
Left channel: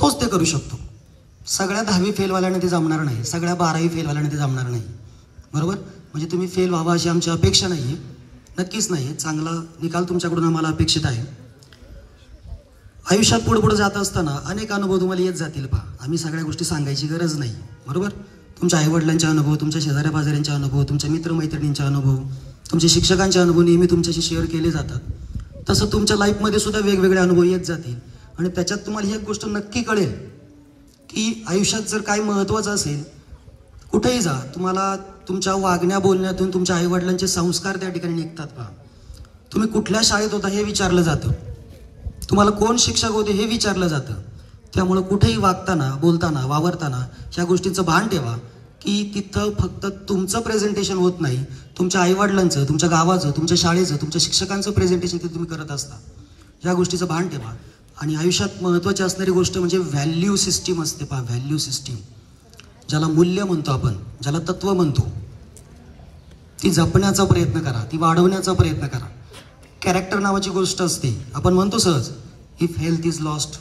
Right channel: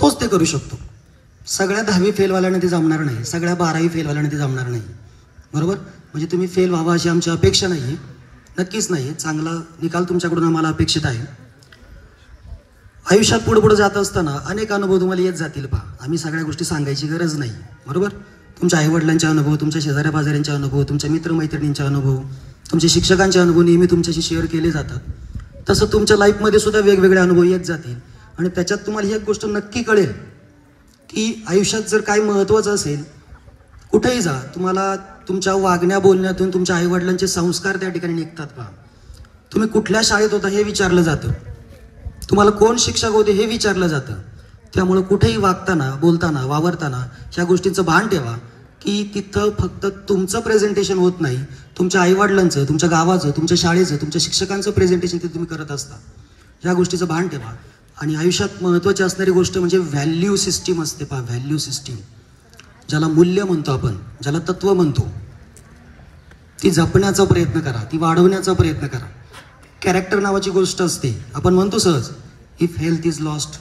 तोच ते करू शकतो. सगळ्या 10वी फेलवाल्याने ते जमणार नाही, सगळ्या 12वी फेलवाल्याने ते जमणार नाही. बरोबर? म्हणजे तुम्ही फेल व्हावा अशी आमची अपेक्षा नाही, नक्कीच नाही. चांगला निकाल तुमच्याकडून आम्हाला अपेक्षित आहे. आयुष्यात पुढे जात असताना अनेक अनुभव तुम्हाला येत जातील. आम्ही सगळ्या गोष्टी सांगायची गरज नाही. बरोबर? तुमच्या आईवडिलांचे अनुभव, तुमच्या शेजाऱ्या पाजाऱ्यांचे अनुभव, तुमच्या मित्रमैत्रिणींचे अनुभव, तुमच्या शिक्षकांचे अनुभव नेहमी तुमच्याशी शेअर केले जातात. तसं तुमच्या लाईफमध्ये सुद्धा वेगवेगळे अनुभव येत जातील. आणि त्याच्यात तुम्हाला एक गोष्ट नक्की कळेल की आयुष्यात जर काही महत्त्वाचं असेल, कुठेही जा, तुम्हाला तुमच्या वागण्या बोलण्यातून तुमच्या आईवडिलांचे संस्कार त्या ठिकाणी निघतात. तुम्ही कुठल्या शाळेत होता हे विचारलं जातं, तुम्हाला कोण शिक्षक होते हे विचारलं जातं. त्यामुळे कुठेही वागताना, बोलताना, वावरताना ह्या गोष्टींचं भान ठेवा की तिथं फक्त तुमचं प्रेझेंटेशन होत नाही, तुमच्या आईवडिलांचं, तुमच्या गावाचं, तुमच्या शाळेचं, तुमच्या शिक्षकांचं प्रेझेंटेशन ते तुम्ही करत असता. ह्या गोष्टीचं भान ठेवा. आणि आयुष्यात महत्त्वाची असणारी गोष्ट म्हणजे व्हॅल्यू सिस्टीम असते. व्हॅल्यू सिस्टीम, ज्याला मूल्य म्हणतो आपण, ज्याला तत्व म्हणतो, ती जपण्याचा प्रयत्न करा, ती वाढवण्याचा प्रयत्न करा. कॅरेक्टर नावाची गोष्ट असते. आपण म्हणतो सहज, if health is lost,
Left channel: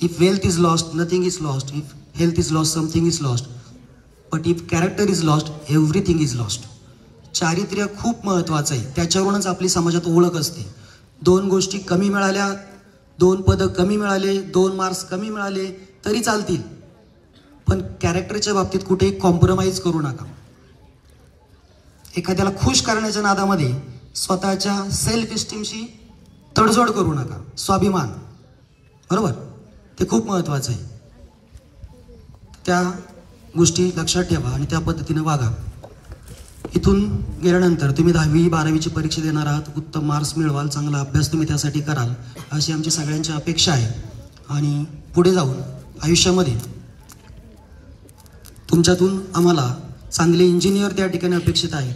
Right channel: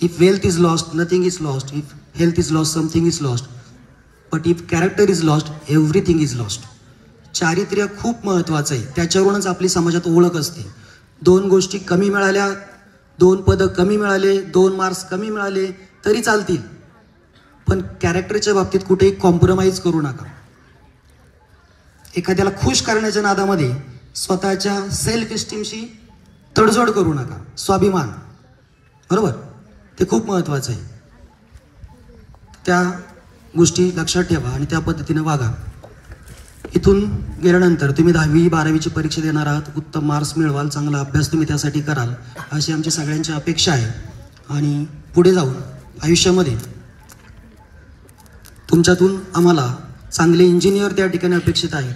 if wealth is lost, nothing is lost. If health is lost, something is lost. But if character is lost, everything is lost. चारित्र्य खूप महत्वाचं आहे. त्याच्यावरूनच आपली समाजात ओळख असते. 2 गोष्टी कमी मिळाल्या, 2 पदं कमी मिळाले, 2 मार्क्स कमी मिळाले तरी चालतील, पण कॅरेक्टरच्या बाबतीत कुठेही कॉम्प्रोमाइज करू नका. एखाद्याला खुश करण्याच्या नादामध्ये स्वतःच्या सेल्फ इस्टीमशी तडजोड करू नका. स्वाभिमान, बरोबर, ते खूप महत्वाचं आहे. त्या गोष्टी लक्षात ठेवा आणि त्या पद्धतीने वागा. इथून गेल्यानंतर तुम्ही 10वी 12वीची परीक्षा देणार आहात, उत्तम मार्क्स मिळवाल, चांगला अभ्यास तुम्ही त्यासाठी कराल अशी आमची सगळ्यांची अपेक्षा आहे. आणि पुढे जाऊन आयुष्यामध्ये तुमच्यातून आम्हाला चांगले इंजिनियर त्या ठिकाणी अपेक्षित आहे,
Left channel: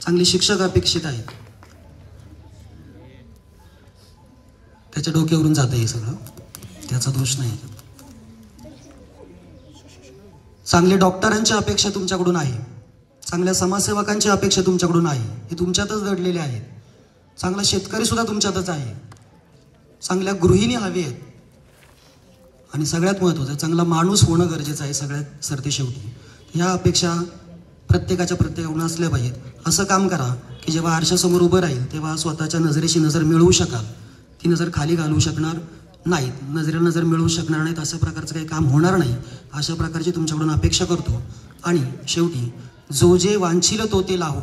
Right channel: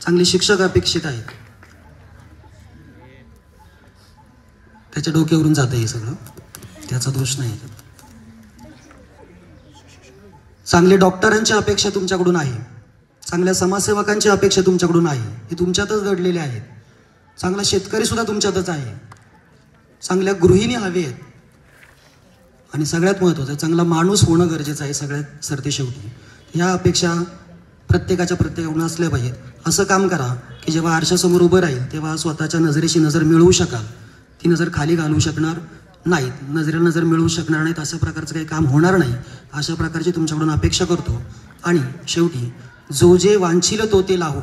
चांगले शिक्षक अपेक्षित आहेत. त्याच्या डोक्यावरून जातं हे सगळं, त्याचा दोष नाही. चांगले डॉक्टरांची अपेक्षा तुमच्याकडून आहे, चांगल्या समाजसेवकांची अपेक्षा तुमच्याकडून आहे, हे तुमच्यातच घडलेले आहेत. चांगला शेतकरी सुद्धा तुमच्यातच आहे, चांगल्या गृहिणी हवे आहेत. आणि सगळ्यात महत्त्वाचं, चांगला माणूस होणं गरजेचं आहे सगळ्यात सरतेशेवटी. ह्या अपेक्षा प्रत्येकाकडून असल्या पाहिजेत. असं काम करा की जेव्हा आरशासमोर उभं राहील तेव्हा स्वतःच्या नजरेशी नजर मिळवू शकाल. ती नजर खाली घालू शकणार नाहीत, नजरेला नजर मिळवू शकणार नाहीत, अशा प्रकारचं काही काम होणार नाही. अशा प्रकारची तुमच्याकडून अपेक्षा करतो. आणि शेवटी जो जे वांछिल तो ते लाहो,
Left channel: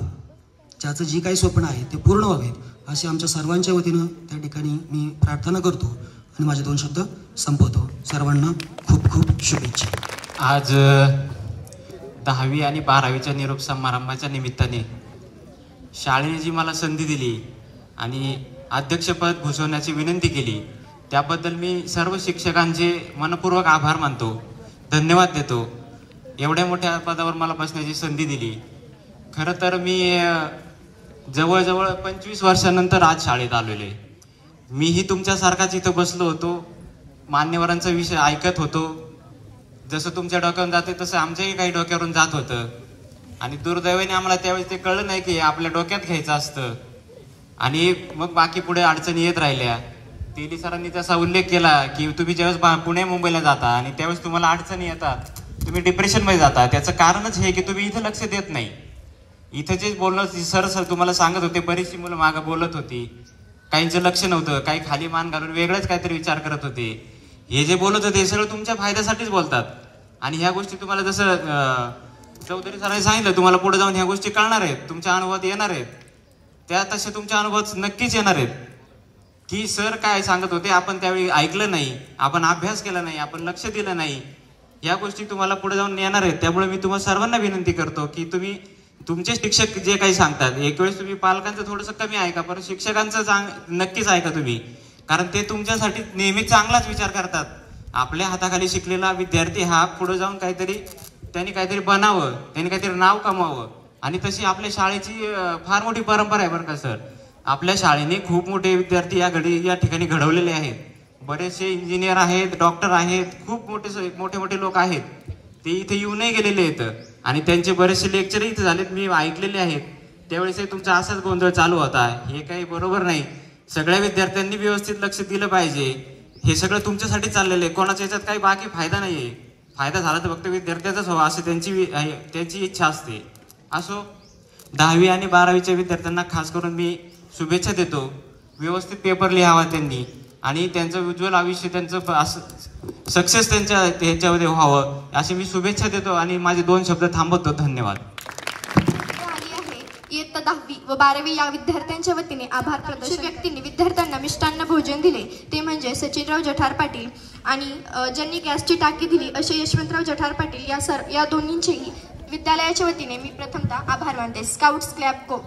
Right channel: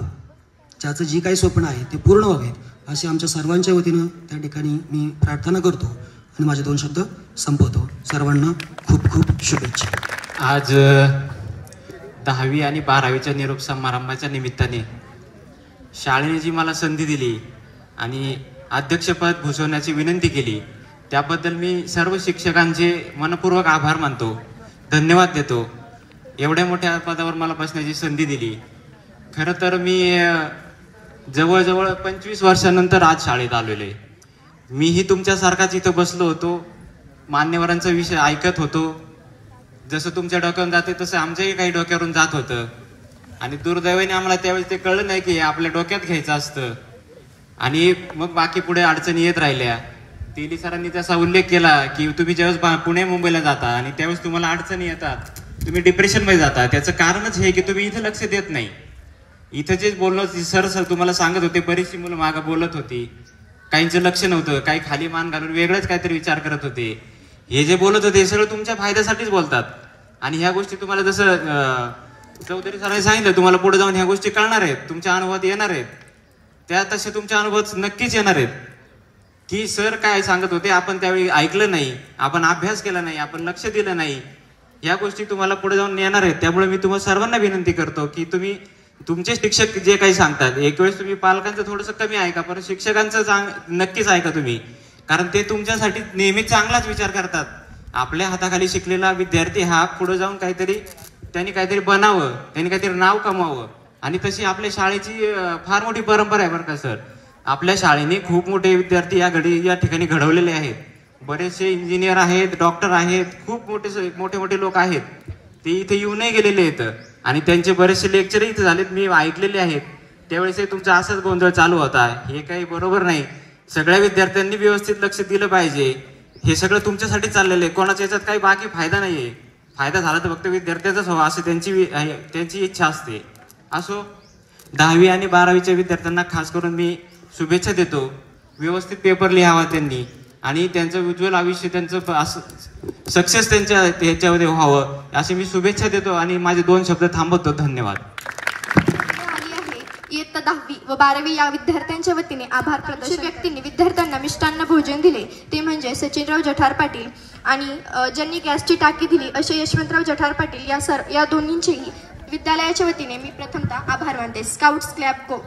ज्याचं जी काही स्वप्न आहे ते पूर्ण व्हावेत असे आमच्या सर्वांच्या वतीनं त्या ठिकाणी मी प्रार्थना करतो आणि माझे 2 शब्द संपवतो. सर्वांना खूप खूप शुभेच्छा. आज 10वी आणि 12वीच्या निरोप समारंभाच्या निमित्ताने शाळेने जी मला संधी दिली आणि अध्यक्षपद भूषवण्याची विनंती केली त्याबद्दल मी सर्व शिक्षकांचे मनपूर्वक आभार मानतो, धन्यवाद देतो. एवढ्या मोठ्या पदावर मला बसण्याची संधी दिली. खरं तर मी जवळजवळ 25 वर्षानंतर आज शाळेत आलेलो आहे. मीही तुमच्यासारखाच इथं बसलो होतो, मान्यवरांचा विषय ऐकत होतो. जसं तुमच्या डोक्यावरून जाते तसं आमच्याही काही डोक्यावरून जात होतं. आणि दुर्दैवाने आम्हाला त्यावेळेस ते कळलं नाही की आपल्या डोक्यात घ्यायचं असतं. आणि मग बाकी पुढे अडचणी येत राहिल्या. तेली सरांनी त्याचा उल्लेख केला की तुम्ही ज्यावेळेस पुणे मुंबईला जाता आणि त्यावेळेस तुम्हाला अडचणी येतात, तुम्ही डिप्रेशनमध्ये जाता, त्याचं कारणच हे की तुम्ही इथं लक्ष देत नाही. इथं जे बोललं सर तुम्हाला सांगत होते, बरीचशी मुलं मागं बोलत होती, काहींचं लक्ष नव्हतं, काही खाली मान घालून वेगळंच काहीतरी विचार करत होते. हे जे बोलत होते हे सगळं तुमच्या फायद्यासाठीच बोलतात. आणि ह्या गोष्टी तुम्हाला जसं चौधरी सरांनी सांगितलं, तुम्हाला पुढे जाऊन ह्या गोष्टी कळणार आहेत, तुमच्या अनुभवात येणार आहेत. त्या तसे तुमच्या अनुभवात नक्कीच येणार आहेत की सर काय सांगत होते आपण त्यावेळी ऐकलं नाही, आपण अभ्यास केला नाही, आपण लक्ष दिलं नाही. या गोष्टी तुम्हाला पुढे जाऊन येणार आहेत. त्यामुळे मी तुम्हाला सर्वांना विनंती करतो की तुम्ही तुमचे शिक्षक जे काही सांगतात, एक वेळेस तुम्ही पालकांचं थोडंसं कमी ऐका, पण शिक्षकांचं नक्कीच ऐका तुम्ही, कारण ते तुमच्यासाठी नेहमी चांगलाच विचार करतात. आपल्या हाताखाली शिकलेला विद्यार्थी हा पुढे जाऊन त्यांनी काहीतरी बनावं, त्यांनी काहीतरी नाव कमावं. आणि तशी आपल्या शाळेची फार मोठी परंपरा आहे बरं का सर. आपल्या शाळेने खूप मोठे विद्यार्थी या ठिकाणी घडवलेले आहेत. बरेचसे इंजिनियर आहेत, डॉक्टर आहेत, खूप मोठे लोक आहेत. ते इथे येऊनही गेलेले आहेत आणि त्यांचे बरेचसे लेक्चर इथे झालेत, मी ऐकलेले आहेत. त्यावेळेस तुमचा असाच गोंधळ चालू होता. हे काही बरोबर नाही. सगळ्या विद्यार्थ्यांनी व्यवस्थित लक्ष दिलं पाहिजे. हे सगळं तुमच्यासाठी चाललेलं आहे, कोणाच्या याच्यात काही बाकी फायदा नाहीये. फायदा झाला तर फक्त विद्यार्थ्याचाच व्हावा असं त्यांची इच्छा असते. असो, 10वी आणि 12वीच्या विद्यार्थ्यांना खास करून मी शुभेच्छा देतो. व्यवस्थित पेपर लिहावा त्यांनी आणि त्यांचं उज्ज्वल आयुष्य, त्यांचं सक्सेस ह्याच्यामध्ये व्हावं अशी मी शुभेच्छा देतो आणि माझे 2 शब्द थांबवतो. धन्यवाद. इयत्ता 10वी व 12वी या विद्यार्थ्यांच्या वतीने आभार प्रदर्शक व्यक्तींनी विद्यार्थ्यांना मिष्टान्न भोजन दिले ते म्हणजे सचिनराव जठार पाटील आणि ज्यांनी गॅसची टाकी दिली असे यशवंतराव जठार पाटील या दोन्हींचेही विद्यालयाच्या वतीने मी प्रथमतः आभार मानते. Scouts club go.